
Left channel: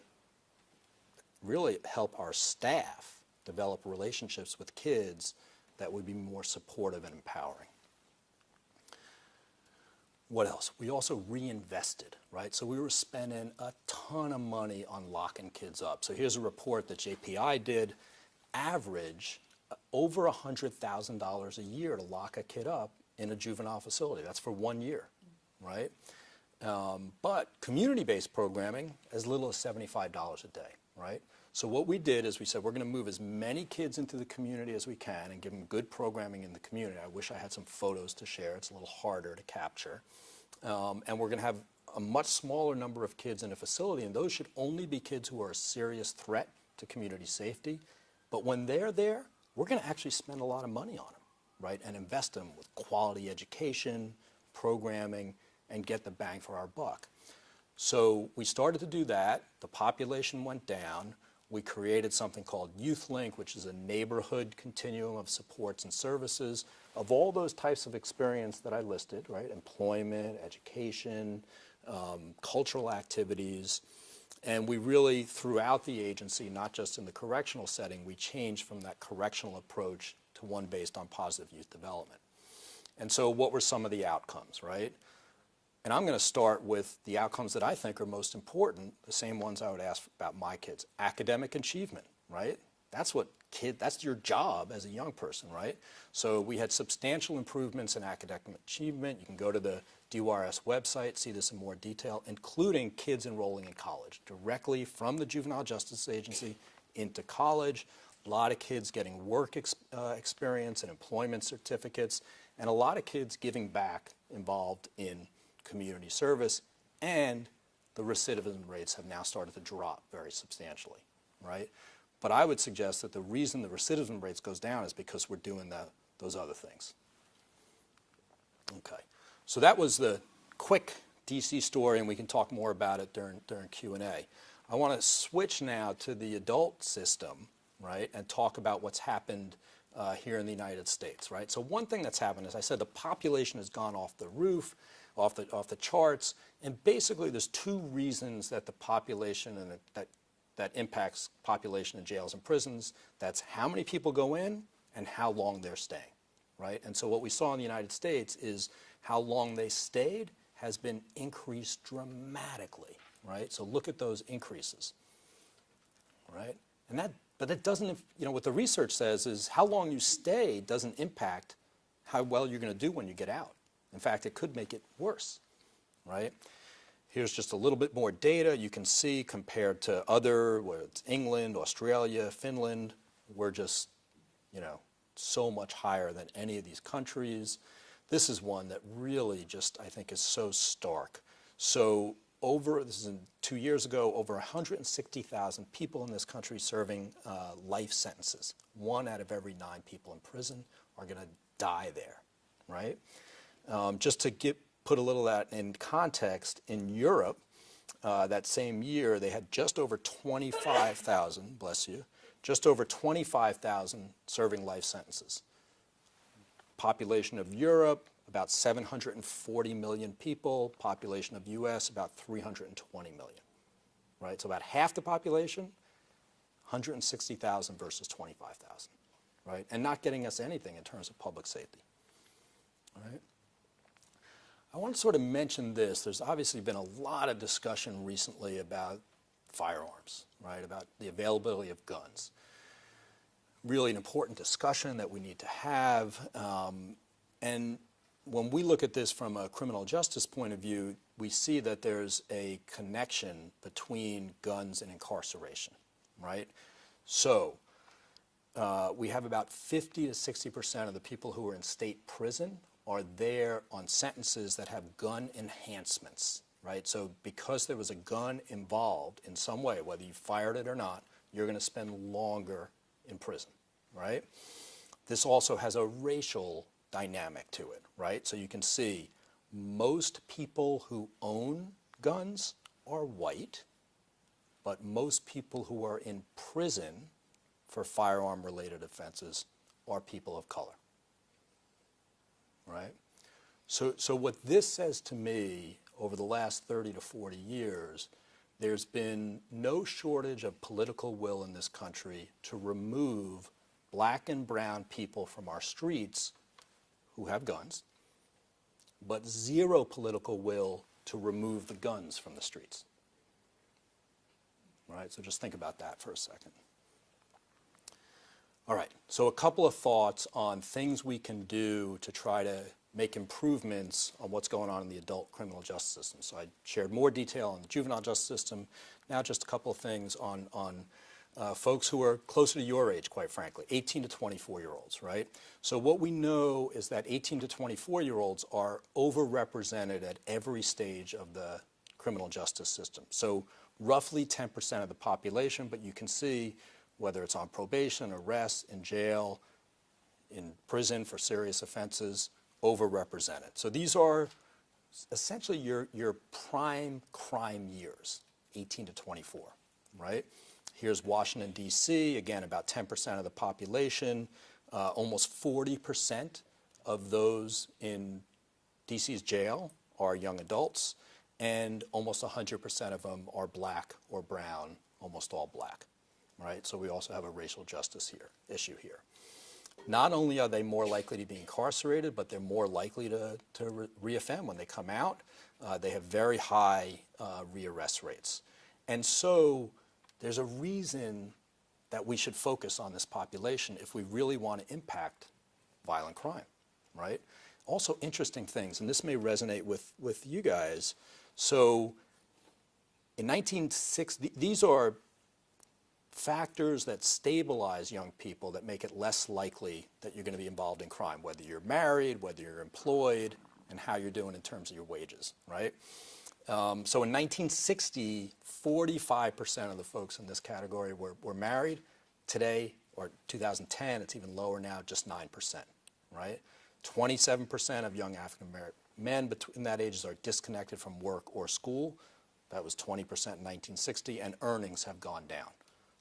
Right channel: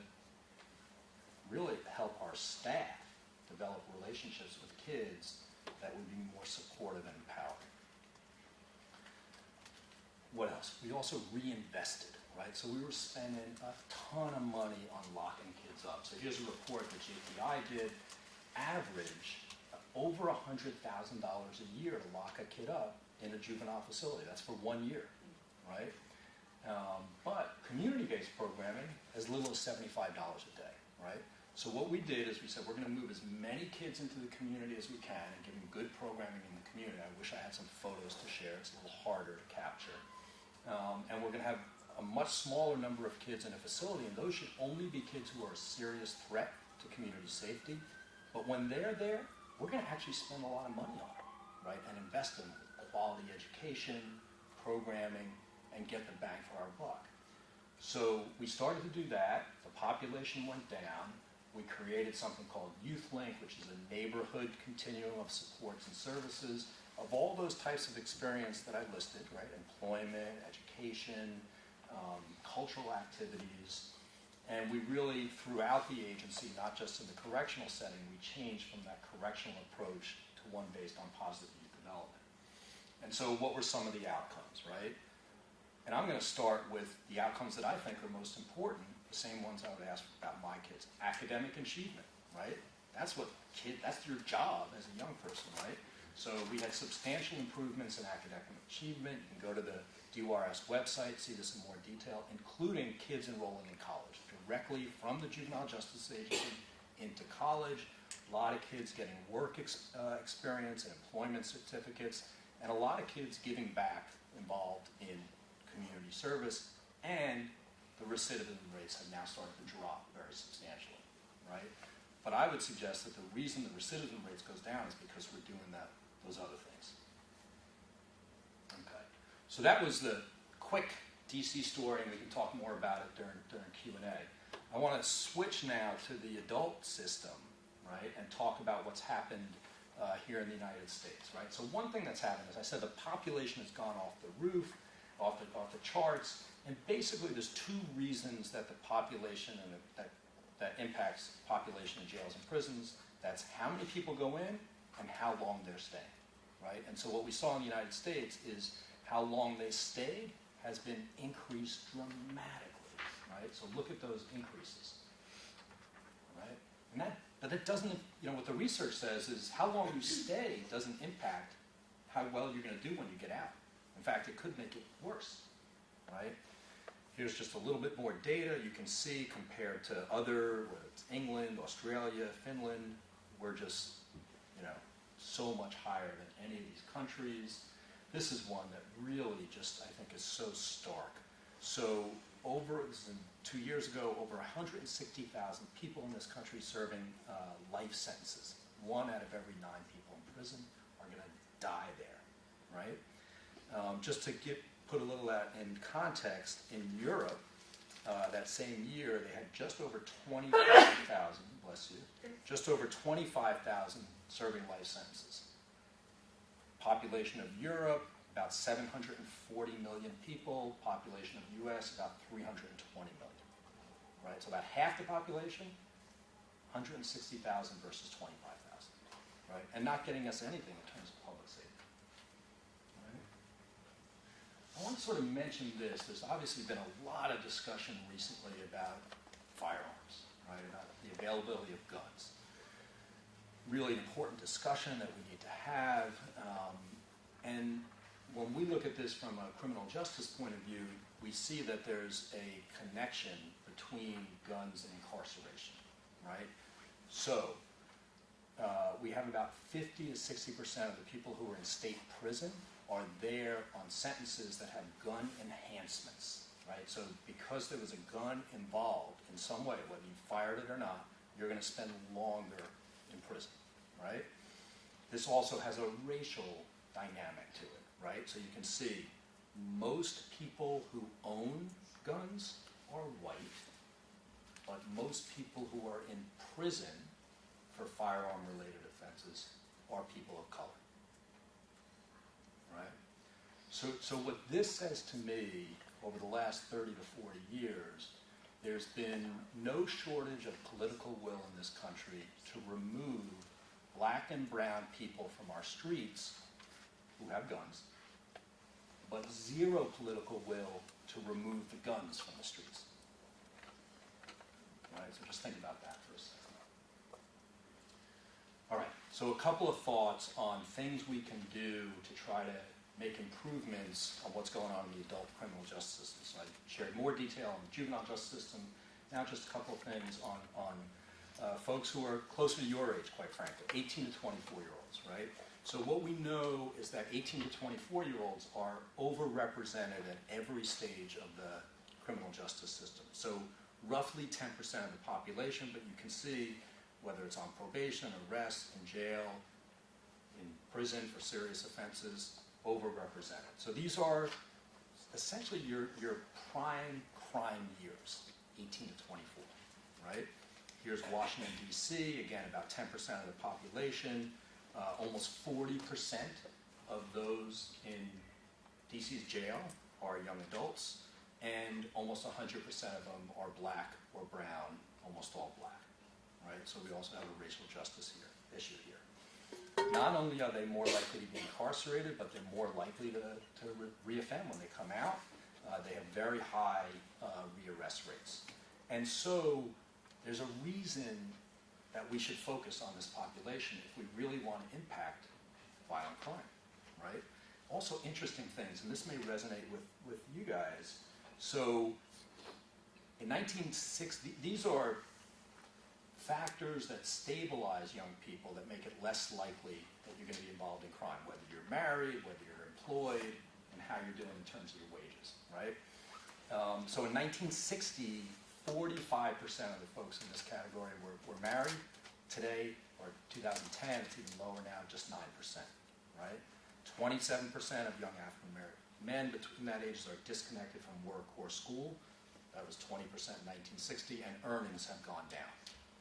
really help our staff develop relationships with kids that would be more supportive and empowering. What else? We also reinvested, right? So we were spending a ton of money on locking kids up. So here's a report that JPI did. Average over $100,000 a year to lock a kid up in a juvenile facility. That's for 1 year, right? But community-based programming, as little as $75 a day, right? So what we did is we said we're going to move as many kids into the community as we can and give them good programming in the community. I wish I had some photos to share. It's a little harder to capture. And we're going to have a much smaller number of kids in a facility, and those should only be kids who are a serious threat to community safety. But when they're there, we're going to actually spend a lot of money on them, right? And invest them with quality education, programming, and get the bang for our buck. So we started to do that. The population went down. We created something called Youth Link, which is a neighborhood continuum of supports and services of all those types of experience that I listed, right? Employment, education, cultural activities. And we really, throughout the agency, not just in the correctional setting, we changed from that correctional approach to one based on positive youth development. And so what were some of the outcomes, right? And I'm going to start with the outcomes that I think are most important, the same ones I would ask about my kids. Academic achievement, right? That's your job as a young person, right? So we had substantial improvements in academic achievement. You can go to the DYRS website, see this in more detail, including kids enrolling in college, directly from the Juvenile Justice Agency into college. A lot of kids getting work experience and employment certificates, and a lot of kids giving back involved in community service, and the recidivism rates have now started to drop very substantially, right? But I would suggest that the reason the recidivism rates goes down is because we're doing those other things. Okay, so that was the quick DC story, and we can talk more about it during Q&A. I want to switch now to the adult system, right, and talk about what's happened here in the United States, right? So one thing that's happened, as I said, the population has gone off the roof, off the charts, and basically there's two reasons that the population and that impacts population in jails and prisons. That's how many people go in and how long they're staying, right? And so what we saw in the United States is how long they stayed has been increased dramatically, right? So look at those increases, right? But that doesn't, what the research says is how long you stay doesn't impact how well you're going to do when you get out. In fact, it could make it worse, right? Here's just a little bit more data. You can see compared to other, whether it's England, Australia, Finland, we're just, so much higher than any of these countries. This is one that really just, I think, is so stark. So this is 2 years ago, over 160,000 people in this country serving life sentences. 1 out of every 9 people in prison are going to die there, right? Just to put a little of that in context, in Europe, that same year, they had just over 25,000, bless you, just over 25,000 serving life sentences. Population of Europe, about 740 million people. Population of US, about 320 million, right? So about half the population, 160,000 versus 25,000, right? And not getting us anything in terms of public safety, right? I want to sort of mention this. There's obviously been a lot of discussion recently about firearms, right? About the availability of guns. Really an important discussion that we need to have. And when we look at this from a criminal justice point of view, we see that there's a connection between guns and incarceration, right? So we have about 50 to 60% of the people who are in state prison are there on sentences that have gun enhancements, right? So because there was a gun involved in some way, whether you fired it or not, you're going to spend longer in prison, right? This also has a racial dynamic to it, right? So you can see most people who own guns are white, but most people who are in prison for firearm-related offenses are people of color, right? So what this says to me, over the last 30 to 40 years, there's been no shortage of political will in this country to remove black and brown people from our streets who have guns, but zero political will to remove the guns from the streets. Right, so just think about that for a second. All right, so a couple of thoughts on things we can do to try to make improvements on what's going on in the adult criminal justice system. So I shared more detail on the juvenile justice system. Now just a couple of things on folks who are closer to your age, quite frankly, 18 to 24-year-olds, right? So what we know is that 18 to 24-year-olds are overrepresented at every stage of the criminal justice system. So roughly 10% of the population, but you can see whether it's on probation, arrest, in jail, in prison for serious offenses, overrepresented. So these are essentially your prime crime years, 18 to 24, right? Here's Washington, D.C., again, about 10% of the population. Almost 40% of those in D.C.'s jail are young adults, and almost 100% of them are black or brown, almost all black, right? So we also have a racial justice issue here. Not only are they more likely to be incarcerated, but they're more likely to reoffend when they come out. They have very high rearrest rates. And so there's a reason that we should focus on this population if we really want to impact violent crime, right? Also interesting things, and this may resonate with you guys. So in 1960, these are factors that stabilize young people that make it less likely that you're going to be involved in crime, whether you're married, whether you're employed, and how you're doing in terms of your wages, right? So in 1960, 45% of the folks in this category were married. Today, or 2010, it's even lower now, just 9%, right? 27% of young African American men between that ages are disconnected from work or school. That was 20% in 1960, and earnings have gone down.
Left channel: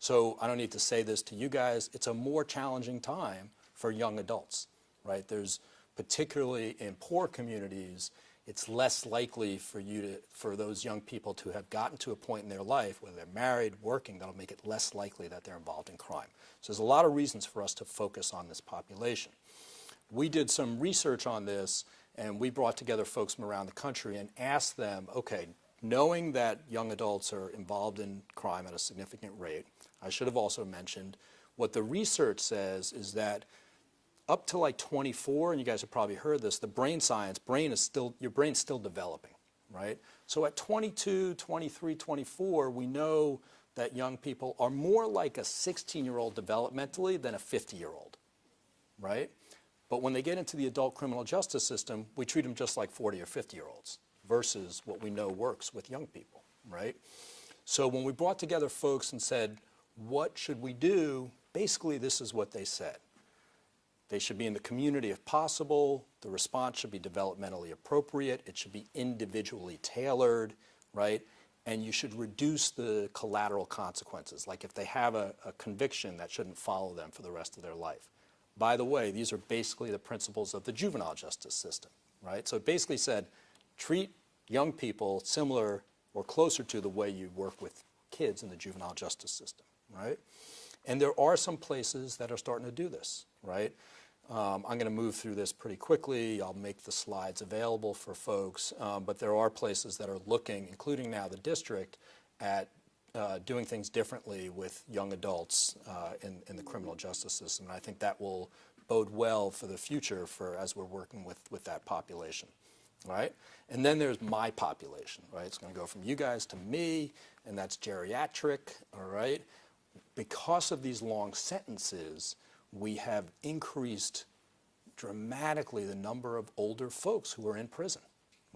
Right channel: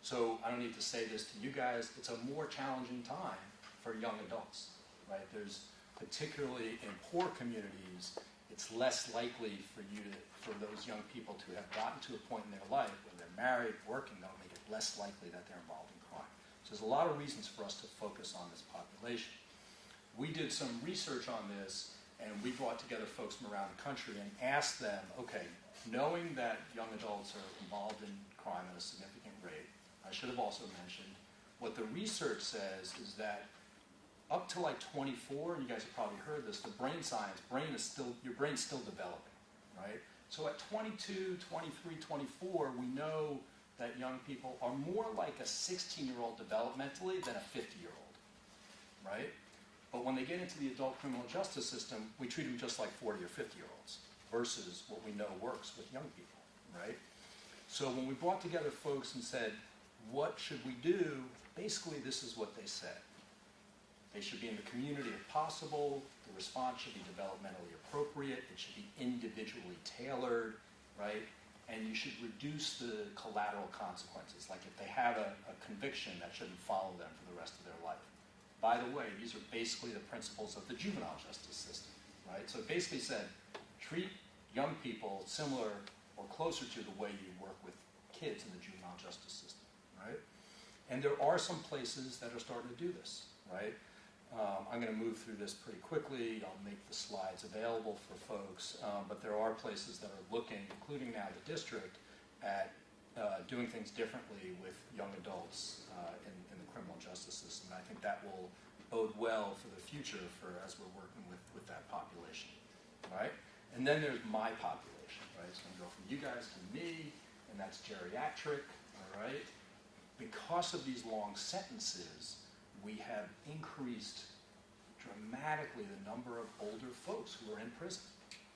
So I don't need to say this to you guys, it's a more challenging time for young adults, right? There's, particularly in poor communities, it's less likely for those young people to have gotten to a point in their life, whether they're married, working, that'll make it less likely that they're involved in crime. So there's a lot of reasons for us to focus on this population. We did some research on this, and we brought together folks from around the country and asked them, okay, knowing that young adults are involved in crime at a significant rate, I should have also mentioned, what the research says is that up to like 24, and you guys have probably heard this, the brain science, your brain's still developing, right? So at 22, 23, 24, we know that young people are more like a 16-year-old developmentally than a 50-year-old, right? But when they get into the adult criminal justice system, we treat them just like 40 or 50-year-olds versus what we know works with young people, right? So when we brought together folks and said, what should we do? Basically, this is what they said. They should be in the community if possible. The response should be developmentally appropriate. It should be individually tailored, right? And you should reduce the collateral consequences. Like if they have a conviction, that shouldn't follow them for the rest of their life. By the way, these are basically the principles of the juvenile justice system, right? So it basically said, treat young people similar or closer to the way you work with kids in the juvenile justice system, right? And there are some places that are starting to do this, right? I'm going to move through this pretty quickly. I'll make the slides available for folks, but there are places that are looking, including now the district, at doing things differently with young adults in the criminal justice system. And I think that will bode well for the future as we're working with that population, right? And then there's my population, right? It's going to go from you guys to me, and that's geriatric, all right? Because of these long sentences, we have increased dramatically the number of older folks who are in prison,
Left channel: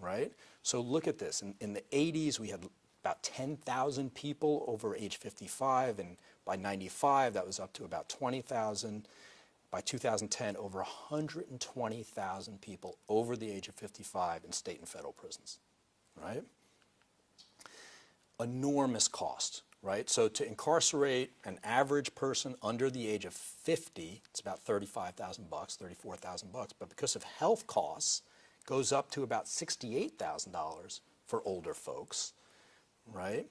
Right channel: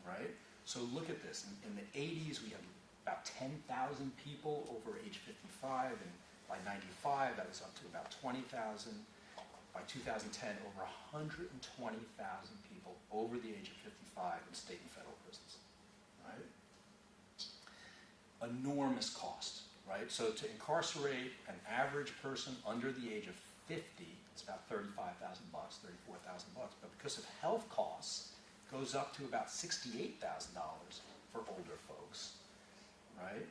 right? So look at this. In the 80s, we had about 10,000 people over age 55, and by 95, that was up to about 20,000. By 2010, over 120,000 people over the age of 55 in state and federal prisons, right? Enormous cost, right? So to incarcerate an average person under the age of 50, it's about $35,000, $34,000, but because of health costs, it goes up to about $68,000 for older folks, right?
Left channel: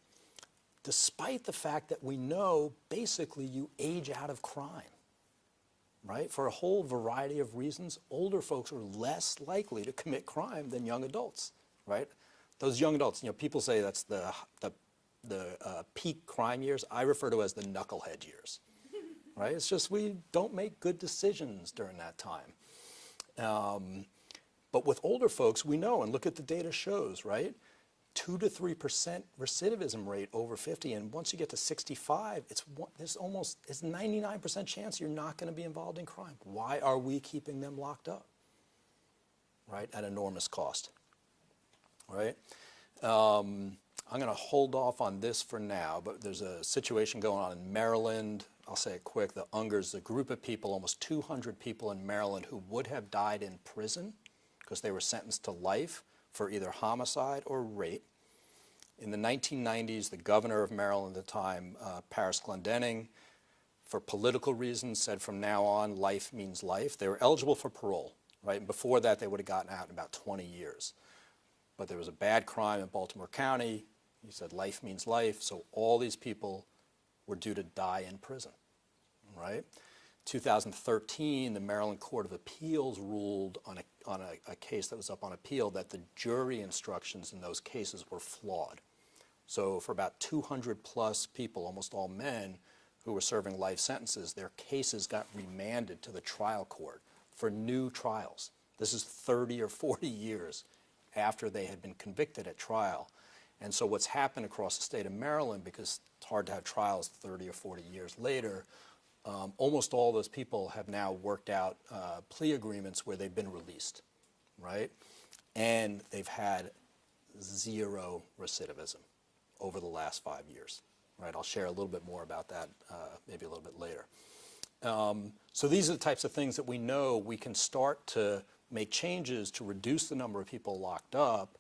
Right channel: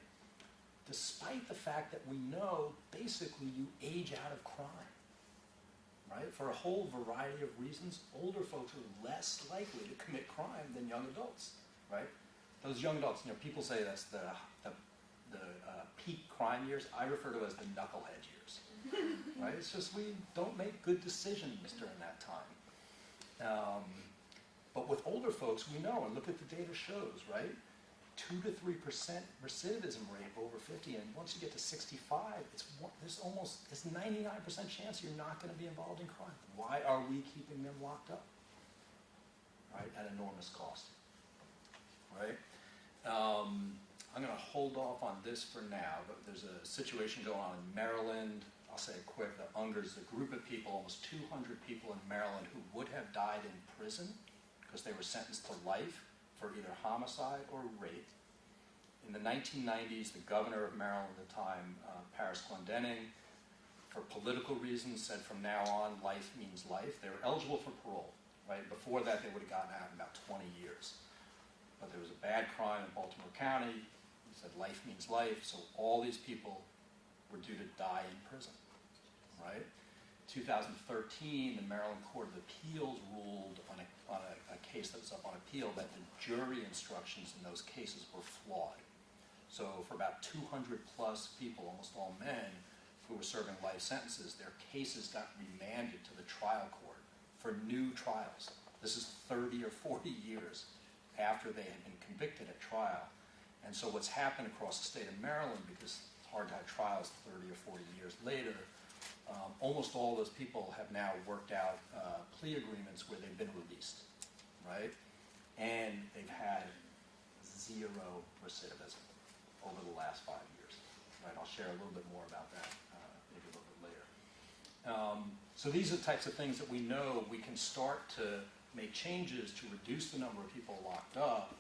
Despite the fact that we know basically you age out of crime, right? For a whole variety of reasons, older folks are less likely to commit crime than young adults, right? Those young adults, people say that's the peak crime years. I refer to as the knucklehead years, right? It's just we don't make good decisions during that time. But with older folks, we know, and look at the data shows, right? 2 to 3% recidivism rate over 50, and once you get to 65, there's 99% chance you're not going to be involved in crime. Why are we keeping them locked up, right? At enormous cost, right? I'm going to hold off on this for now, but there's a situation going on in Maryland. I'll say it quick. The Ungers, a group of people, almost 200 people in Maryland who would have died in prison because they were sentenced to life for either homicide or rape. In the 1990s, the governor of Maryland at the time, Paris Glendening, for political reasons, said from now on, life means life. They were eligible for parole, right? Before that, they would have gotten out in about 20 years. But there was a bad crime in Baltimore County. He said life means life, so all these people were due to die in prison, right? 2013, the Maryland Court of Appeals ruled on a case that was up on appeal that the jury instructions in those cases were flawed. So for about 200 plus people, almost all men, who were serving life sentences, their cases got remanded to the trial court for new trials. This is 30 or 40 years after they had been convicted at trial. And so what's happened across the state of Maryland, because it's hard to have trials 30 or 40 years later, almost all those people have now worked out plea agreements where they've been released, right? And they've had zero recidivism over the last 5 years, right? I'll share a little bit more about that maybe a little bit later. So these are the types of things that we know we can start to make changes to reduce the number of people locked up,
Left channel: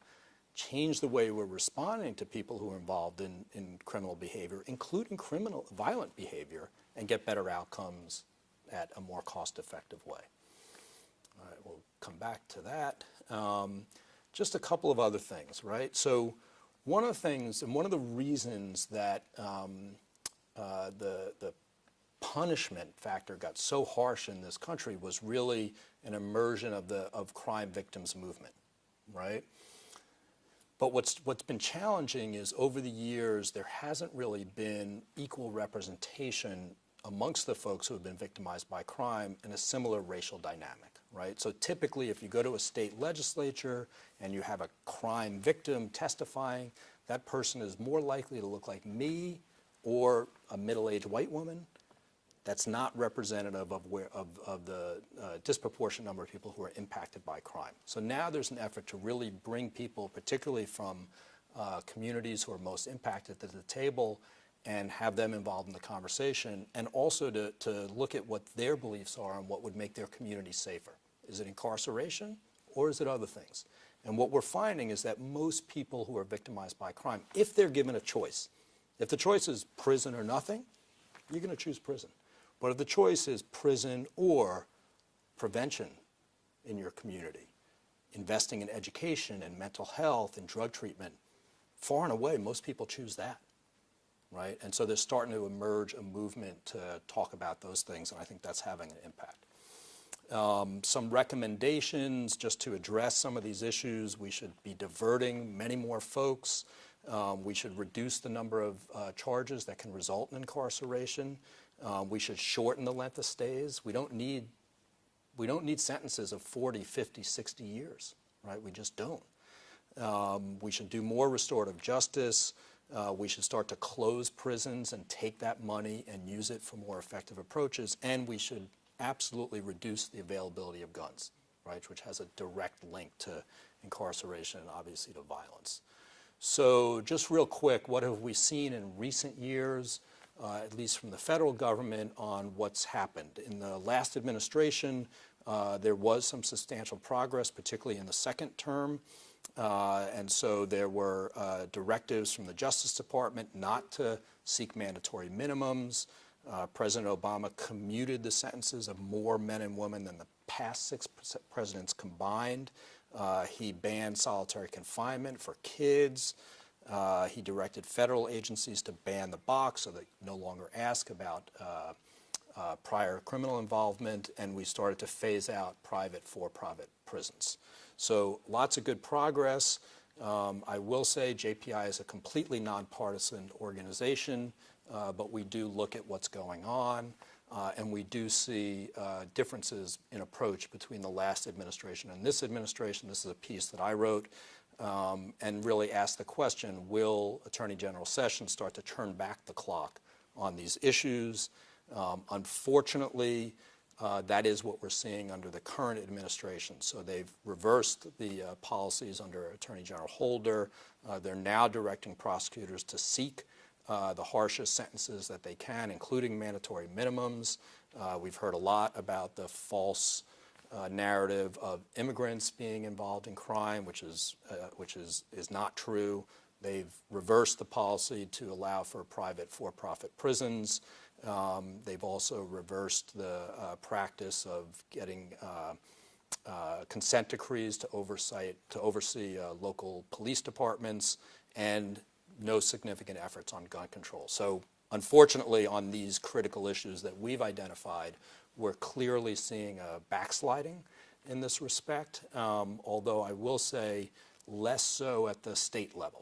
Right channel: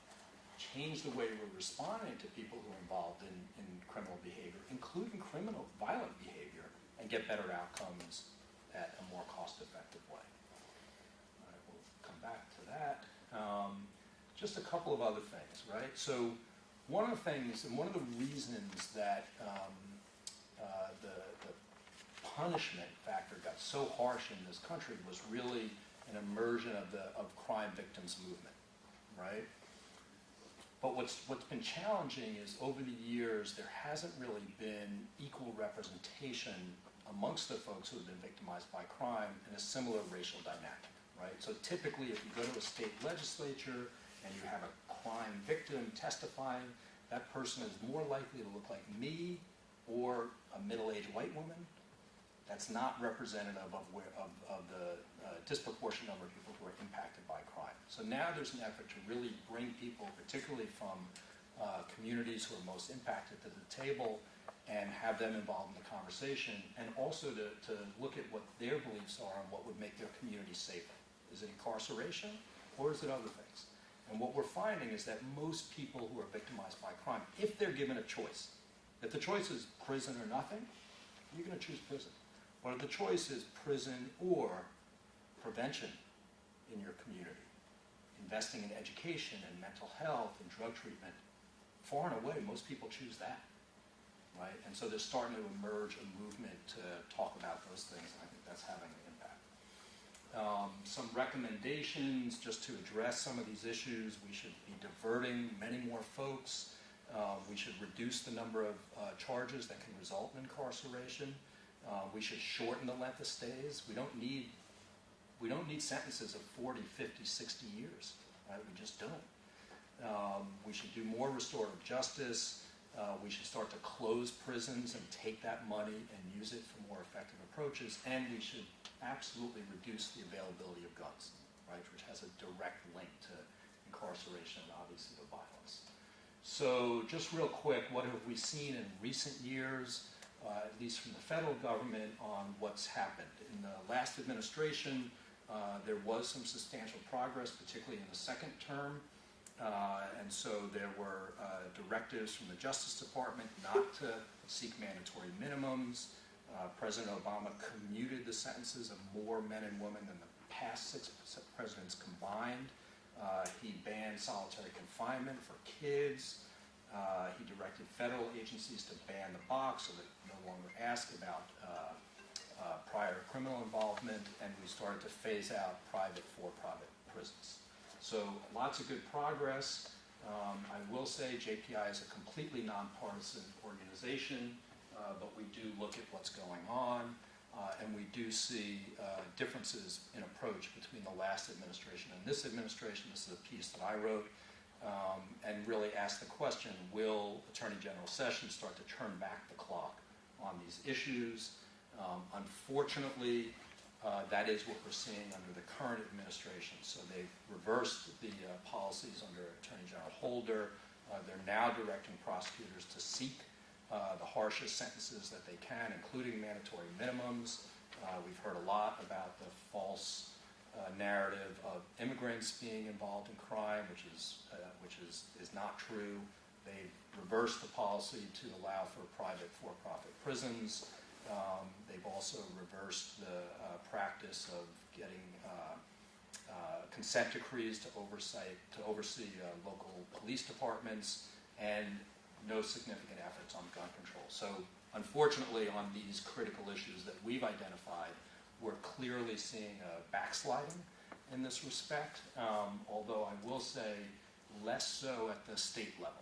change the way we're responding to people who are involved in criminal behavior, including violent behavior, and get better outcomes at a more cost-effective way. All right, we'll come back to that. Just a couple of other things, right? So one of the things, and one of the reasons that the punishment factor got so harsh in this country was really an immersion of crime victims movement, right? But what's been challenging is over the years there hasn't really been equal representation amongst the folks who have been victimized by crime in a similar racial dynamic, right? So typically if you go to a state legislature and you have a crime victim testifying, that person is more likely to look like me or a middle-aged white woman. That's not representative of the disproportionate number of people who are impacted by crime. So now there's an effort to really bring people, particularly from communities who are most impacted, to the table and have them involved in the conversation, and also to look at what their beliefs are and what would make their community safer. Is it incarceration or is it other things? And what we're finding is that most people who are victimized by crime, if they're given a choice, if the choice is prison or nothing, you're going to choose prison. But if the choice is prison or prevention in your community, investing in education and mental health and drug treatment, far and away, most people choose that, right? And so there's starting to emerge a movement to talk about those things, and I think that's having an impact. Some recommendations just to address some of these issues: we should be diverting many more folks. We should reduce the number of charges that can result in incarceration. We should shorten the length of stays. We don't need sentences of 40, 50, 60 years, right? We just don't. We should do more restorative justice. We should start to close prisons and take that money and use it for more effective approaches. And we should absolutely reduce the availability of guns, right, which has a direct link to incarceration and obviously to violence. So just real quick, what have we seen in recent years, at least from the federal government, on what's happened? In the last administration, there was some substantial progress, particularly in the second term. And so there were directives from the Justice Department not to seek mandatory minimums. President Obama commuted the sentences of more men and women than the past 6 presidents combined. He banned solitary confinement for kids. He directed federal agencies to ban the box so they no longer ask about prior criminal involvement, and we started to phase out private for-profit prisons. So lots of good progress. I will say JPI is a completely nonpartisan organization, but we do look at what's going on, and we do see differences in approach between the last administration and this administration. This is a piece that I wrote, and really ask the question, will Attorney General Sessions start to turn back the clock on these issues? Unfortunately, that is what we're seeing under the current administration. So they've reversed the policies under Attorney General Holder. They're now directing prosecutors to seek the harshest sentences that they can, including mandatory minimums. We've heard a lot about the false narrative of immigrants being involved in crime, which is not true. They've reversed the policy to allow for private for-profit prisons. They've also reversed the practice of getting consent decrees to oversee local police departments, and no significant efforts on gun control. So unfortunately, on these critical issues that we've identified, we're clearly seeing a backsliding in this respect, although I will say less so at the state level,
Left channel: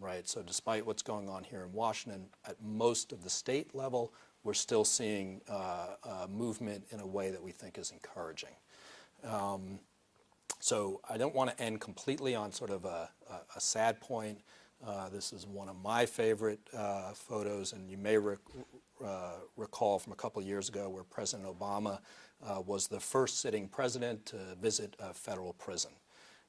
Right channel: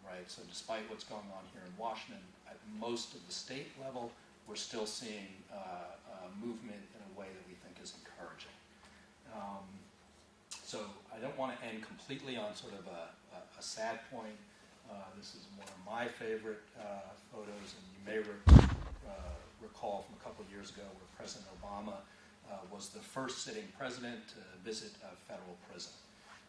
right? So despite what's going on here in Washington, at most of the state level, we're still seeing movement in a way that we think is encouraging. So I don't want to end completely on sort of a sad point. This is one of my favorite photos, and you may recall from a couple of years ago where President Obama was the first sitting president to visit a federal prison.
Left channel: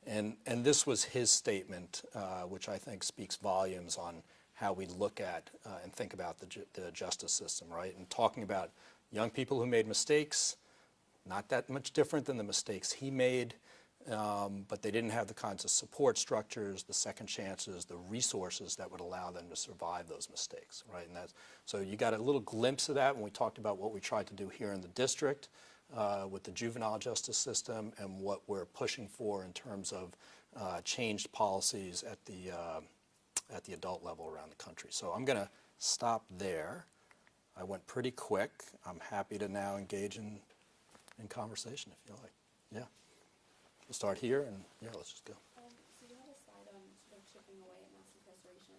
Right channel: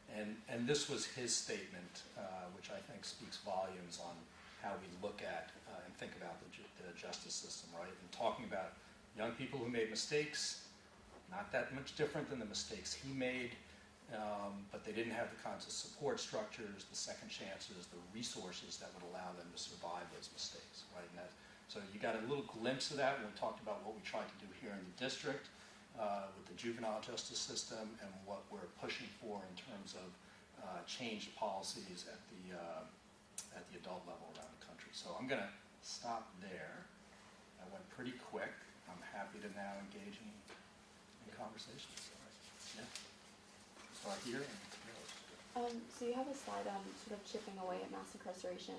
And this was his statement, which I think speaks volumes on how we look at and think about the justice system, right? And talking about young people who made mistakes, not that much different than the mistakes he made, but they didn't have the kinds of support structures, the second chances, the resources that would allow them to survive those mistakes, right? And so you got a little glimpse of that when we talked about what we tried to do here in the district with the juvenile justice system, and what we're pushing for in terms of changed policies at the adult level around the country. So I'm going to stop there. I went pretty quick. I'm happy to now engage in conversation. So, yeah. We'll start here, and yeah, let's just go. So you have a slide on sort of chipping away at mass incarceration.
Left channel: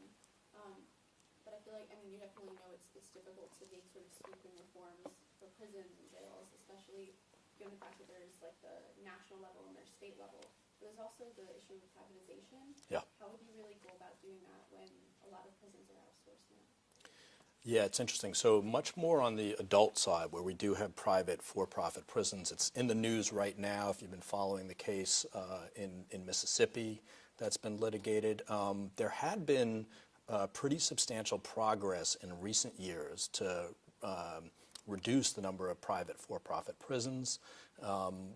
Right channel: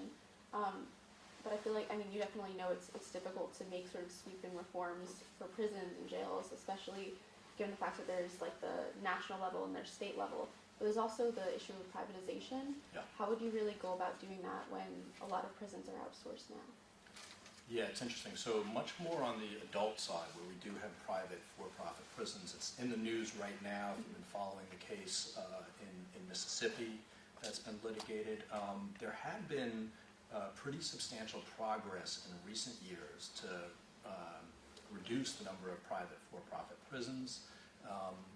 but I feel like, I mean, you definitely know it's difficult to make sort of sweeping reforms for prisons and jails, especially given the fact that there's like the national level and there's state level. But there's also the issue of privatization. Yeah. How would you really go about doing that when a lot of prisons are outsourced now? Yeah, it's interesting. So much more on the adult side, where we do have private for-profit prisons. It's in the news right now, if you've been following the case in Mississippi that's been litigated. There had been pretty substantial progress in recent years to reduce the number of private for-profit prisons.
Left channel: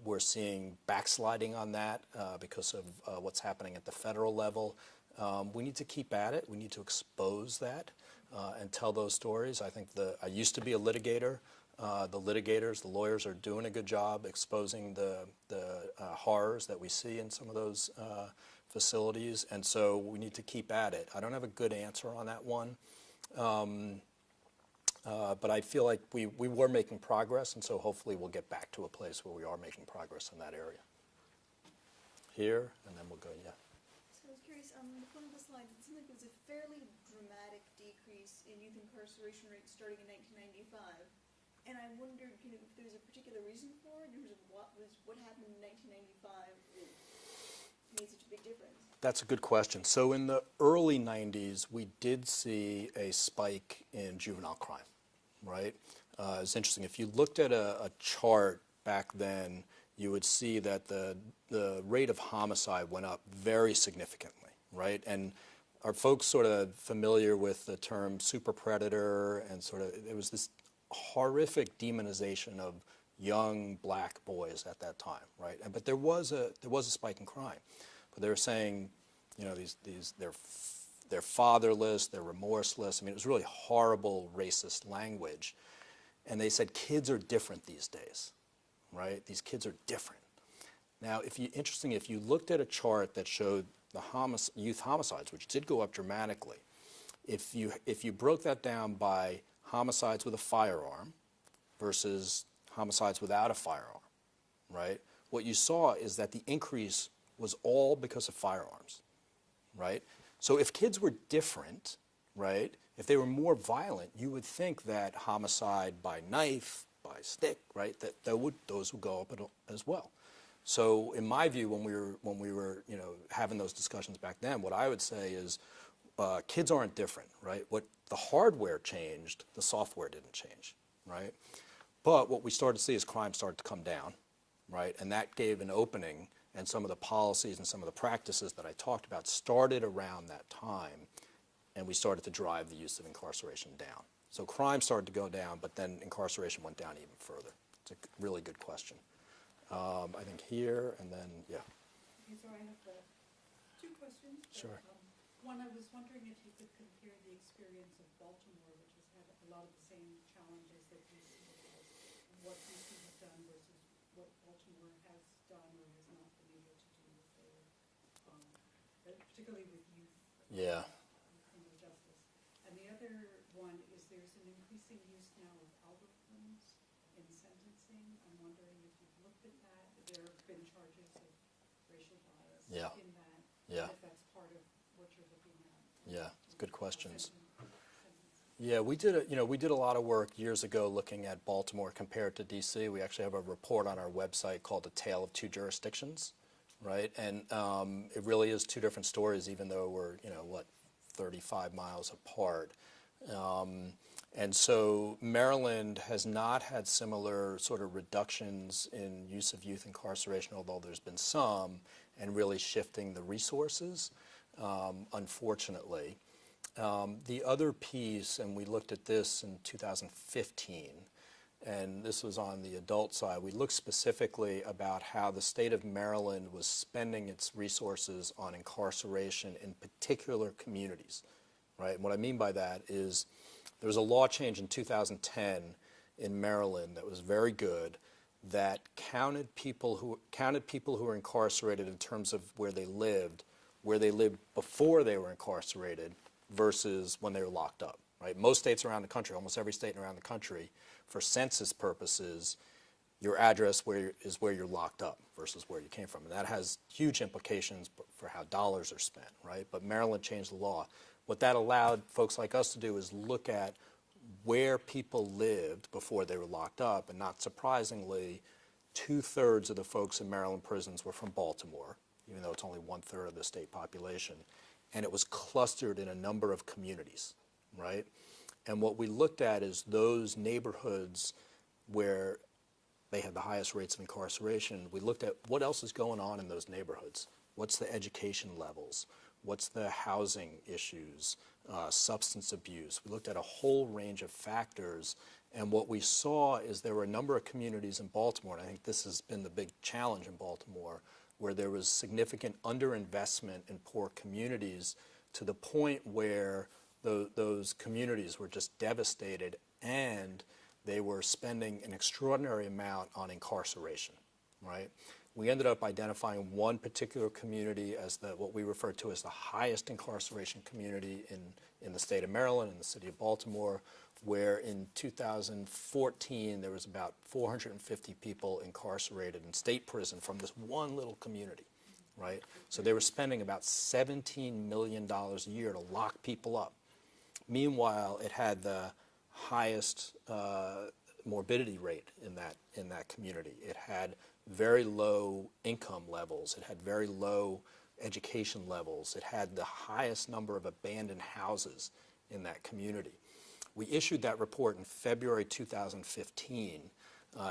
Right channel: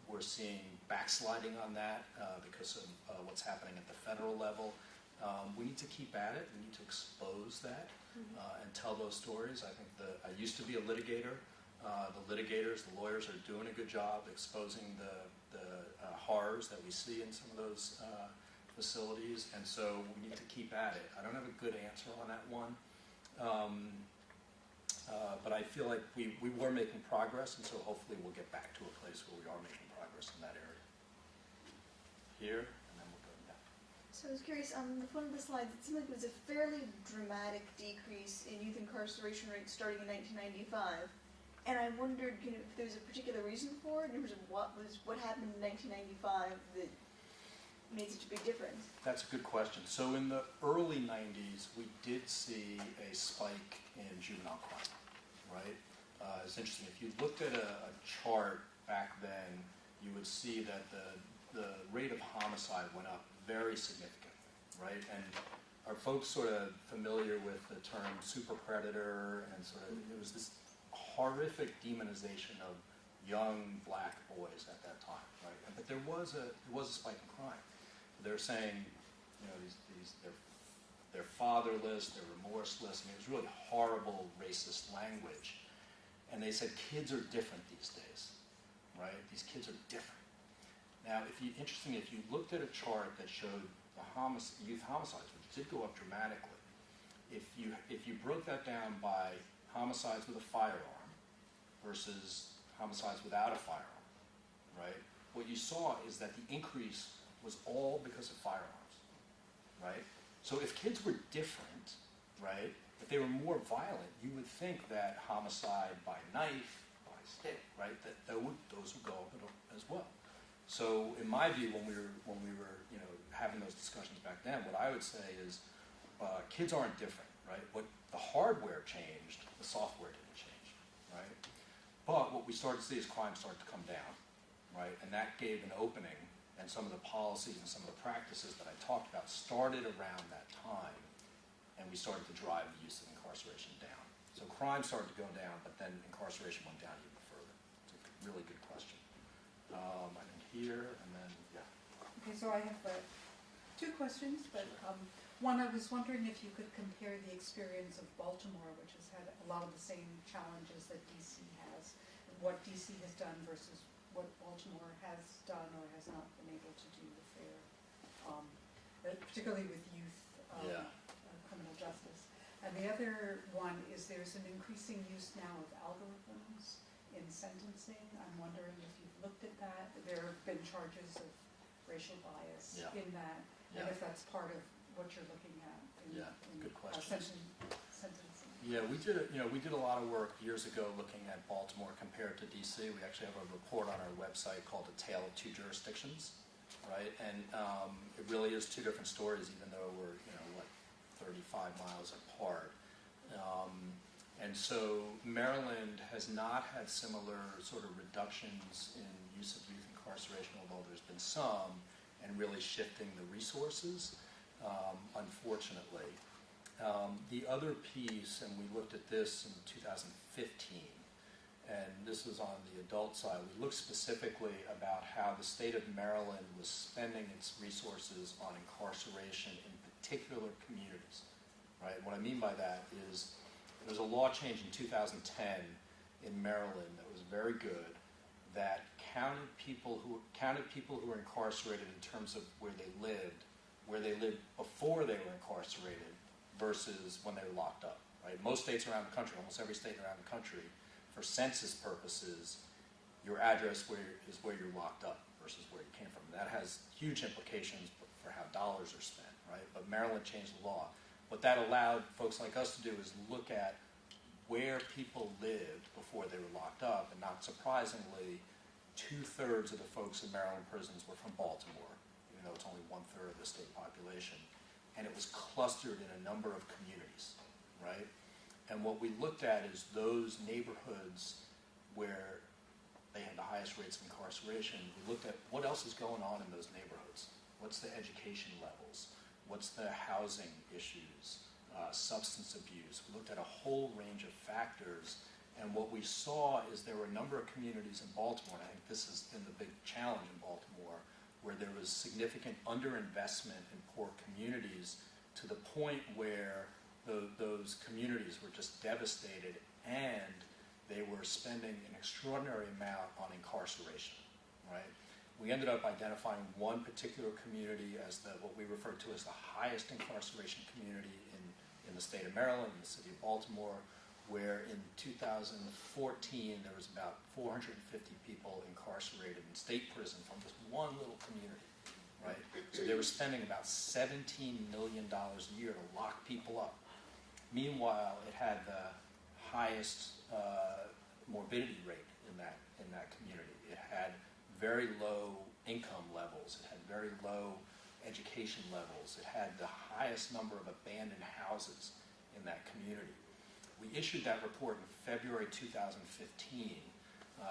We're seeing backsliding on that because of what's happening at the federal level. We need to keep at it. We need to expose that and tell those stories. I think I used to be a litigator. The litigators, the lawyers are doing a good job exposing the horrors that we see in some of those facilities, and so we need to keep at it. I don't have a good answer on that one, but I feel like we were making progress, and so hopefully we'll get back to a place where we are making progress in that area. Here, and then we'll go, yeah. So I was curious, on one of the slides, it seemed like it was a fairly dramatic decrease in youth incarceration rates starting in 1995. And I wondered, if there was a particular reason for it, in terms of what happened in 1995 that made such a big difference? That's a good question. So in the early 90s, we did see a spike in juvenile crime, right? It's interesting. If you looked at a chart back then, you would see that the rate of homicide went up very significantly, right? And are folks sort of familiar with the term super predator, and sort of, there was this horrific demonization of young black boys at that time, right? But there was a spike in crime. But they were saying, they're fatherless, they're remorseless. I mean, it was really horrible racist language. And they said kids are different these days, right? These kids are different. Now, if you looked at a chart that showed the youth homicides, which did go up dramatically, if you broke that down by homicides with a firearm versus homicides without a firearm, right? What you saw is that the increase was all because of firearms, right? So if kids were different, right, if they were more violent, you would think that homicide by knife, by stick, right, those would go up as well. So in my view, when we were having those discussions back then, what I would say is kids aren't different, right? What the hardware changed, the software didn't change, right? But what we started to see is crime started to come down, right? And that gave an opening, and some of the policies and some of the practices that I talked about started around that time, and we started to drive the use of incarceration down. So crime started to go down, but then incarceration went down even further. It's a really good question. I think here, and then, yeah. Okay, so I have two questions, but Sure. One, I was wondering if you could compare the experience of Baltimore, which has had a lot of the same challenges that DC has, and what DC has done versus what Baltimore has done or has not been able to do with their, particularly with youth Yeah. Criminal justice. And the other one is there's an increasing use now of algorithms in sentencing. I'm wondering if you've looked at that. There have been charges of racial bias Yeah. in that, Yeah. and if that's part of what you're looking at. Yeah, good questions. Sentencing. Yeah, we did a lot of work years ago looking at Baltimore compared to DC. We actually have a report on our website called "A Tale of Two Jurisdictions," right? And it really is two different stories, even though we're 35 miles apart. And so Maryland has not had similar sort of reductions in use of youth incarceration, although there's been some, and really shifting the resources, unfortunately. The other piece, and we looked at this in 2015, and this was on the adult side, we looked specifically about how the state of Maryland was spending its resources on incarceration in particular communities, right? And what I mean by that is there was a law change in 2010 in Maryland that was very good, that counted people who were incarcerated in terms of where they lived before they were incarcerated versus when they were locked up, right? Most states around the country, almost every state around the country, for census purposes, your address is where you're locked up versus where you came from. And that has huge implications for how dollars are spent, right? But Maryland changed the law. what that allowed folks like us to do is look at where people lived before they were locked up, and not surprisingly, 2/3 of the folks in Maryland prisons were from Baltimore, even though it's only 1/3 of the state population. And it was clustered in a number of communities, right? And what we looked at is those neighborhoods where they had the highest rates of incarceration. We looked at what else is going on in those neighborhoods. What's the education levels? What's the housing issues? Substance abuse. We looked at a whole range of factors, and what we saw is there were a number of communities in Baltimore, and I think this has been the big challenge in Baltimore, where there was significant underinvestment in poor communities to the point where those communities were just devastated, and they were spending an extraordinary amount on incarceration, right? We ended up identifying one particular community as what we refer to as the highest incarceration community in the state of Maryland, in the city of Baltimore, where in 2014 there was about 450 people incarcerated in state prison from this one little community, right? So they were spending about $17 million a year to lock people up. Meanwhile, it had the highest morbidity rate in that community. It had very low income levels. It had very low education levels. It had the highest number of abandoned houses in that community. We issued that report in February 2015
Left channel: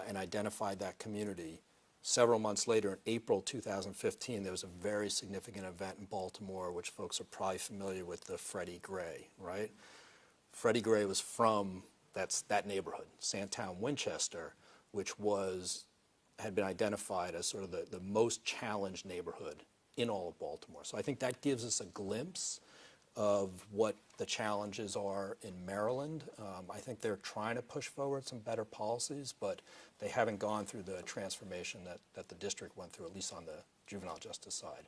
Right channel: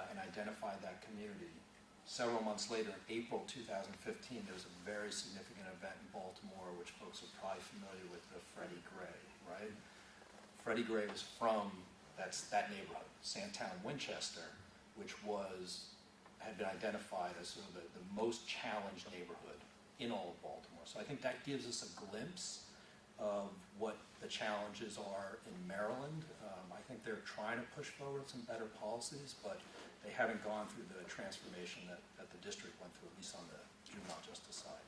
and identified that community. Several months later, in April 2015, there was a very significant event in Baltimore, which folks are probably familiar with, the Freddie Gray, right? Freddie Gray was from that neighborhood, Sandtown, Winchester, which had been identified as sort of the most challenged neighborhood in all of Baltimore. So I think that gives us a glimpse of what the challenges are in Maryland. I think they're trying to push forward some better policies, but they haven't gone through the transformation that the district went through, at least on the juvenile justice side.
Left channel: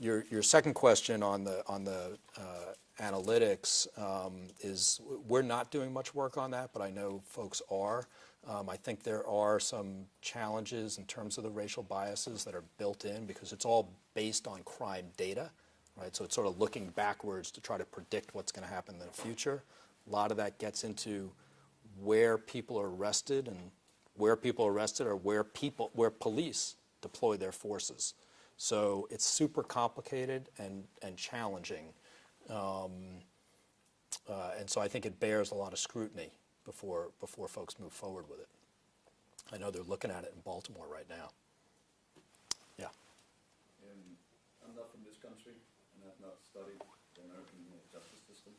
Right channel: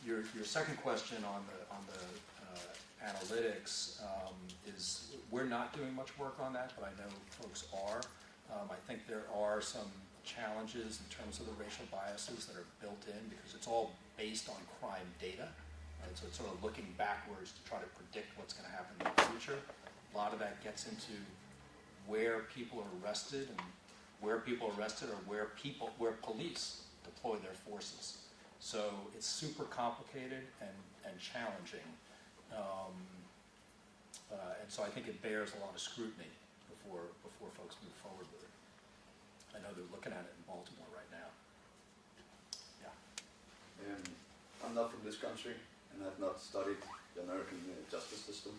Your second question on the analytics is we're not doing much work on that, but I know folks are. I think there are some challenges in terms of the racial biases that are built in because it's all based on crime data, right? So it's sort of looking backwards to try to predict what's going to happen in the future. A lot of that gets into where people are arrested and where people are arrested or where police deploy their forces. So it's super complicated and challenging. And so I think it bears a lot of scrutiny before folks move forward with it. I know they're looking at it in Baltimore right now. Yeah. I'm not from this country and have not studied the American justice system,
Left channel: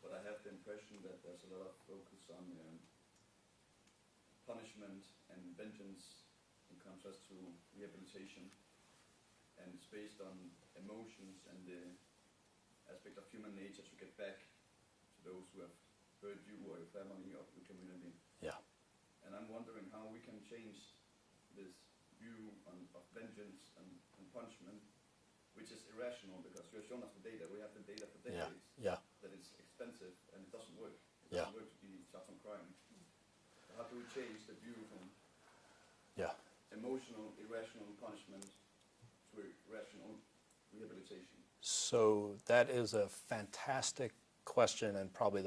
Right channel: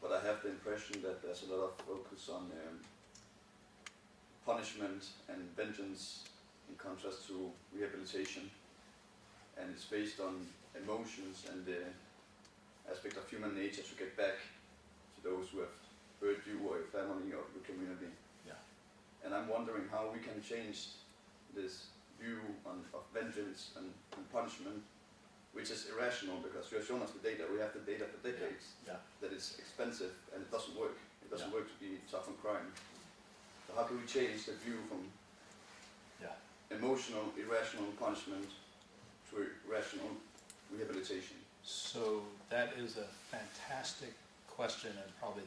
but I have the impression that there's a lot of focus on punishment and vengeance in contrast to rehabilitation, and it's based on emotions and the aspect of human nature to get back to those who have hurt you or your family or your community. Yeah. And I'm wondering how we can change this view of vengeance and punishment, which is irrational because you have shown us the data. We have the data for decades that it's expensive and it doesn't work. It doesn't work to be tough on crime. So how can we change the view from emotional, irrational punishment to irrational rehabilitation? So that is a fantastic question and probably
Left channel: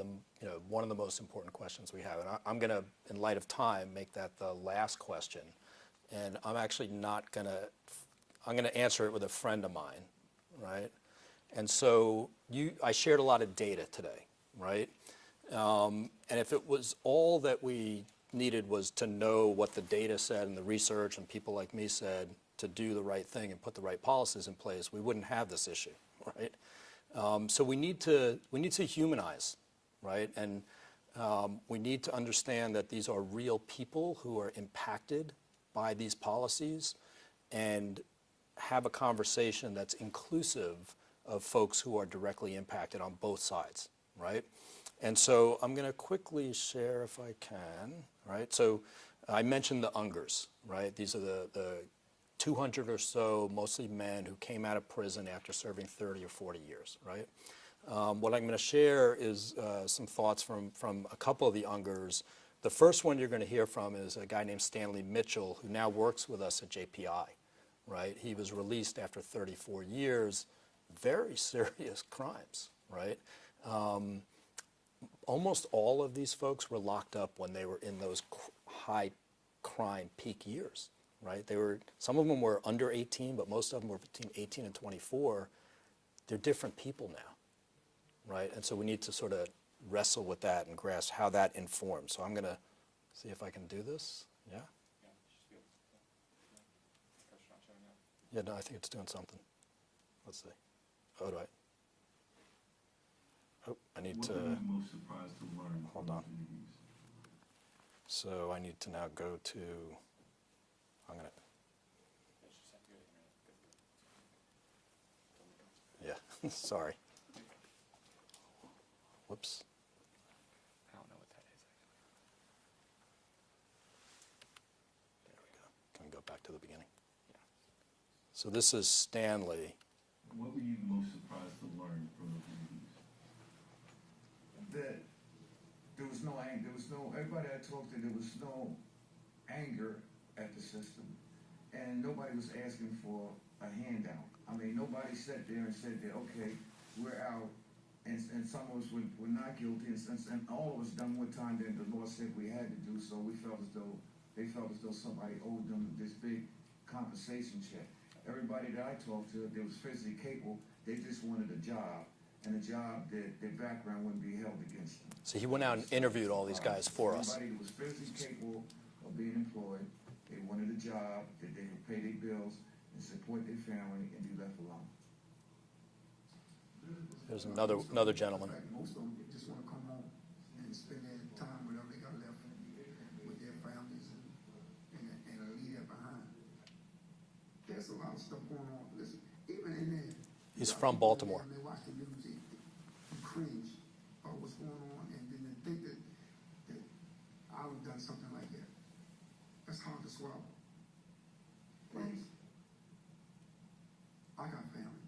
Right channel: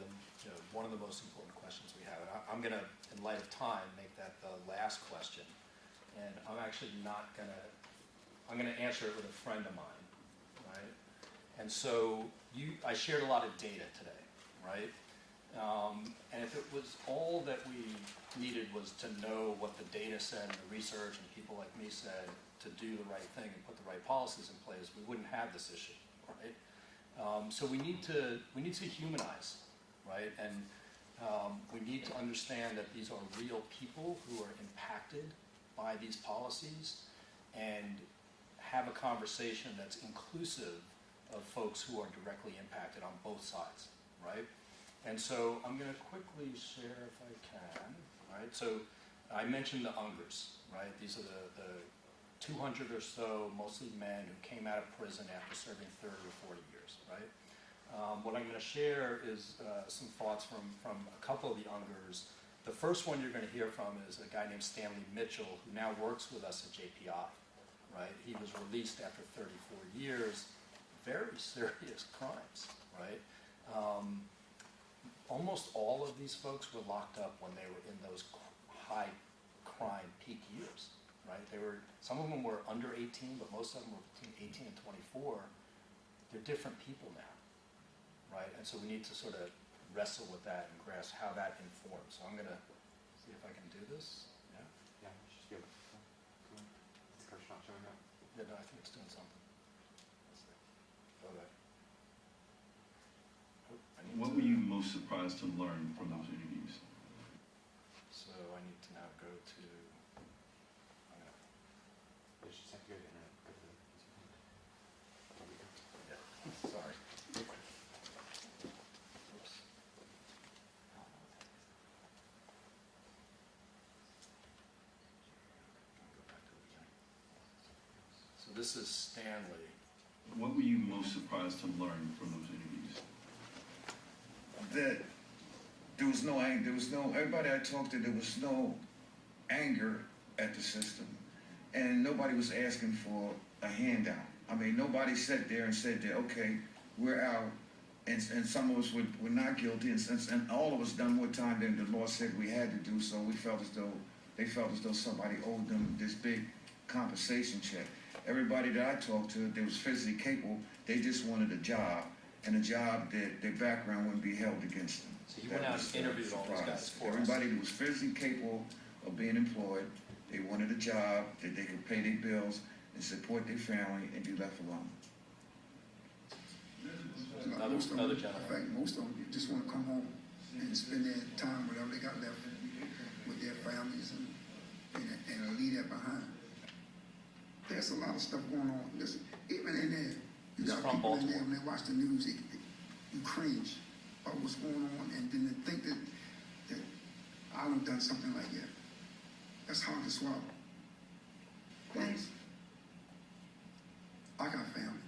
one of the most important questions we have. And I'm going to, in light of time, make that the last question. And I'm actually not going to, I'm going to answer it with a friend of mine, right? And so I shared a lot of data today, right? And if it was all that we needed was to know what the data said and the research and people like me said to do the right thing and put the right policies in place, we wouldn't have this issue, right? So we need to humanize, right? And we need to understand that these are real people who are impacted by these policies and have a conversation that's inclusive of folks who are directly impacted on both sides, right? And so I'm going to quickly share if I can, right? So I mentioned the UNGERs, right? These are the 200 or so, mostly men, who came out of prison after serving 30 or 40 years, right? What I'm going to share is some thoughts from a couple of the UNGERs. The first one you're going to hear from is a guy named Stanley Mitchell, who now works with us at JPI, right? He was released after 34 years, very serious crimes, right? Almost all of these folks were locked up when they were in those high crime peak years, right? Some of them were under 18, but most of them were between 18 and 24. They're different people now, right? And so we need to sort of wrestle with that and grasp how that informs. So I'm going to see if I can do this. Yeah? Yeah, it's just good. Is the cursor not showing up? Yeah, no, I think it's doing something. Let's see. Oh, do I? Oh, I need What to. were you most surprised to learn from Hold on. those interviews? So I need to now go to. I'm gonna. You just have to go to the internet. Go to the. There we go. Yeah. Sorry. Whoops. I don't know what that is. Can we go back to the beginning? So this is Stanley. What were you most surprised to learn from those interviews? That there was no anger, everybody I talked to, there was no anger at the system. And nobody was asking for a handout. I mean, nobody sat there and said that, okay, we're out, and some of us were not guilty, and all of us done what time that the law said we had to do, so we felt as though, they felt as though somebody owed them this big compensation check. Everybody that I talked to, that was physically capable, they just wanted a job, and a job that their background wouldn't be held against them. So he went out and interviewed all these guys for us. Everybody that was physically capable of being employed, they wanted a job that they could pay their bills and support their family and be left alone. There's another gentleman. In fact, most of them just want to come home and spend their time, whatever they got left, with their families and leave that behind. There's a lot of stuff going on. Listen, even in there, He's from Baltimore. When they watch the news, you cringe about what's going on, and then they think that I would have done something like that. That's hard to swallow. Please. I got family.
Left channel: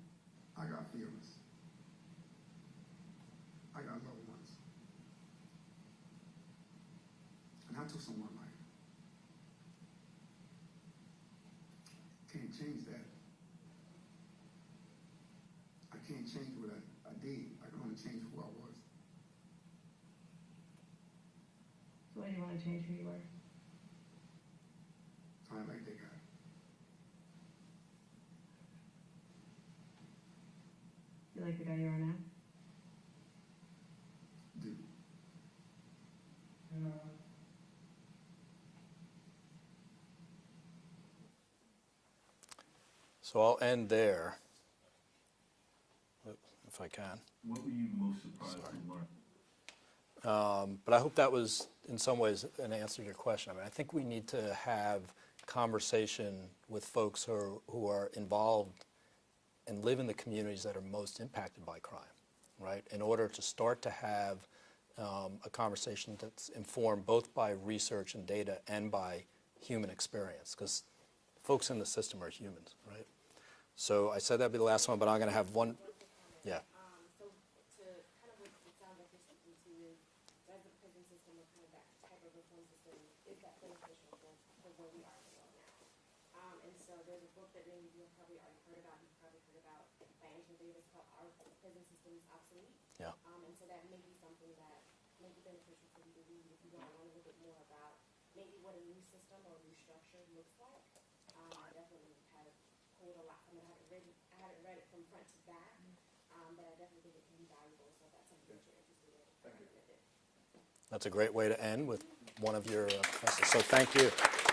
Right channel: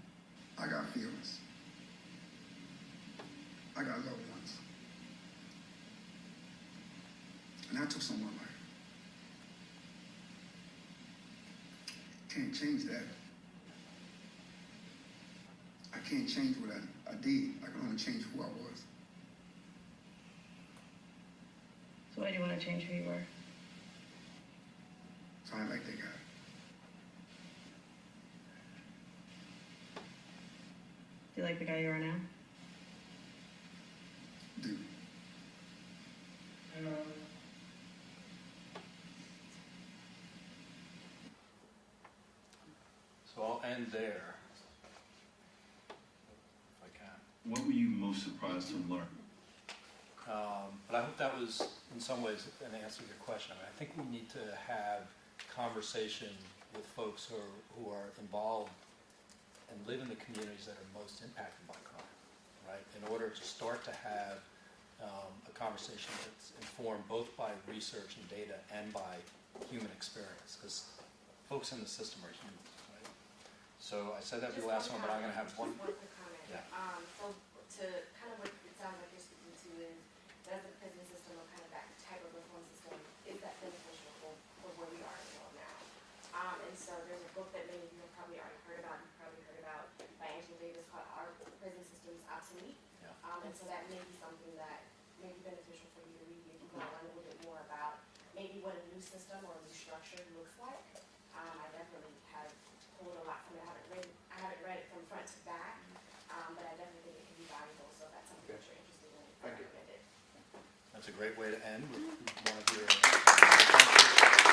I got feelings. I got loved ones. And I took some of my life. Can't change that. I can't change what I did. I can only change who I was. So why do you want to change who you were? So I like that guy. Do you like the guy you are now? Dude. So I'll end there, if I can. What were you most surprised to learn? But I hope that was, in some ways, an answer to your question. I mean, I think we need to have conversation with folks who are involved and live in the communities that are most impacted by crime, right? In order to start to have a conversation that's informed both by research and data and by human experience, because folks in the system are humans, right? So I said that'd be the last one, but I'm going to have one. One quick comment. Yeah. So to kind of what it sounds like you're speaking to is, does the prison system or kind of that type of reform system, is that beneficial for where we are in the world now? And so there's a book that many of you have probably already heard about, by Angela Davis called Our Prison System's Obsolete. Yeah. And so that may be something that may be beneficial for you to read if you want to learn a little bit more about maybe what a new system or a new structure looks like. I definitely have pulled a lot from it. I haven't read it from front to back, but I definitely think it can be valuable. So if that's something that you're interested in, I recommend it. That's a great way to end with one of your. So thank you.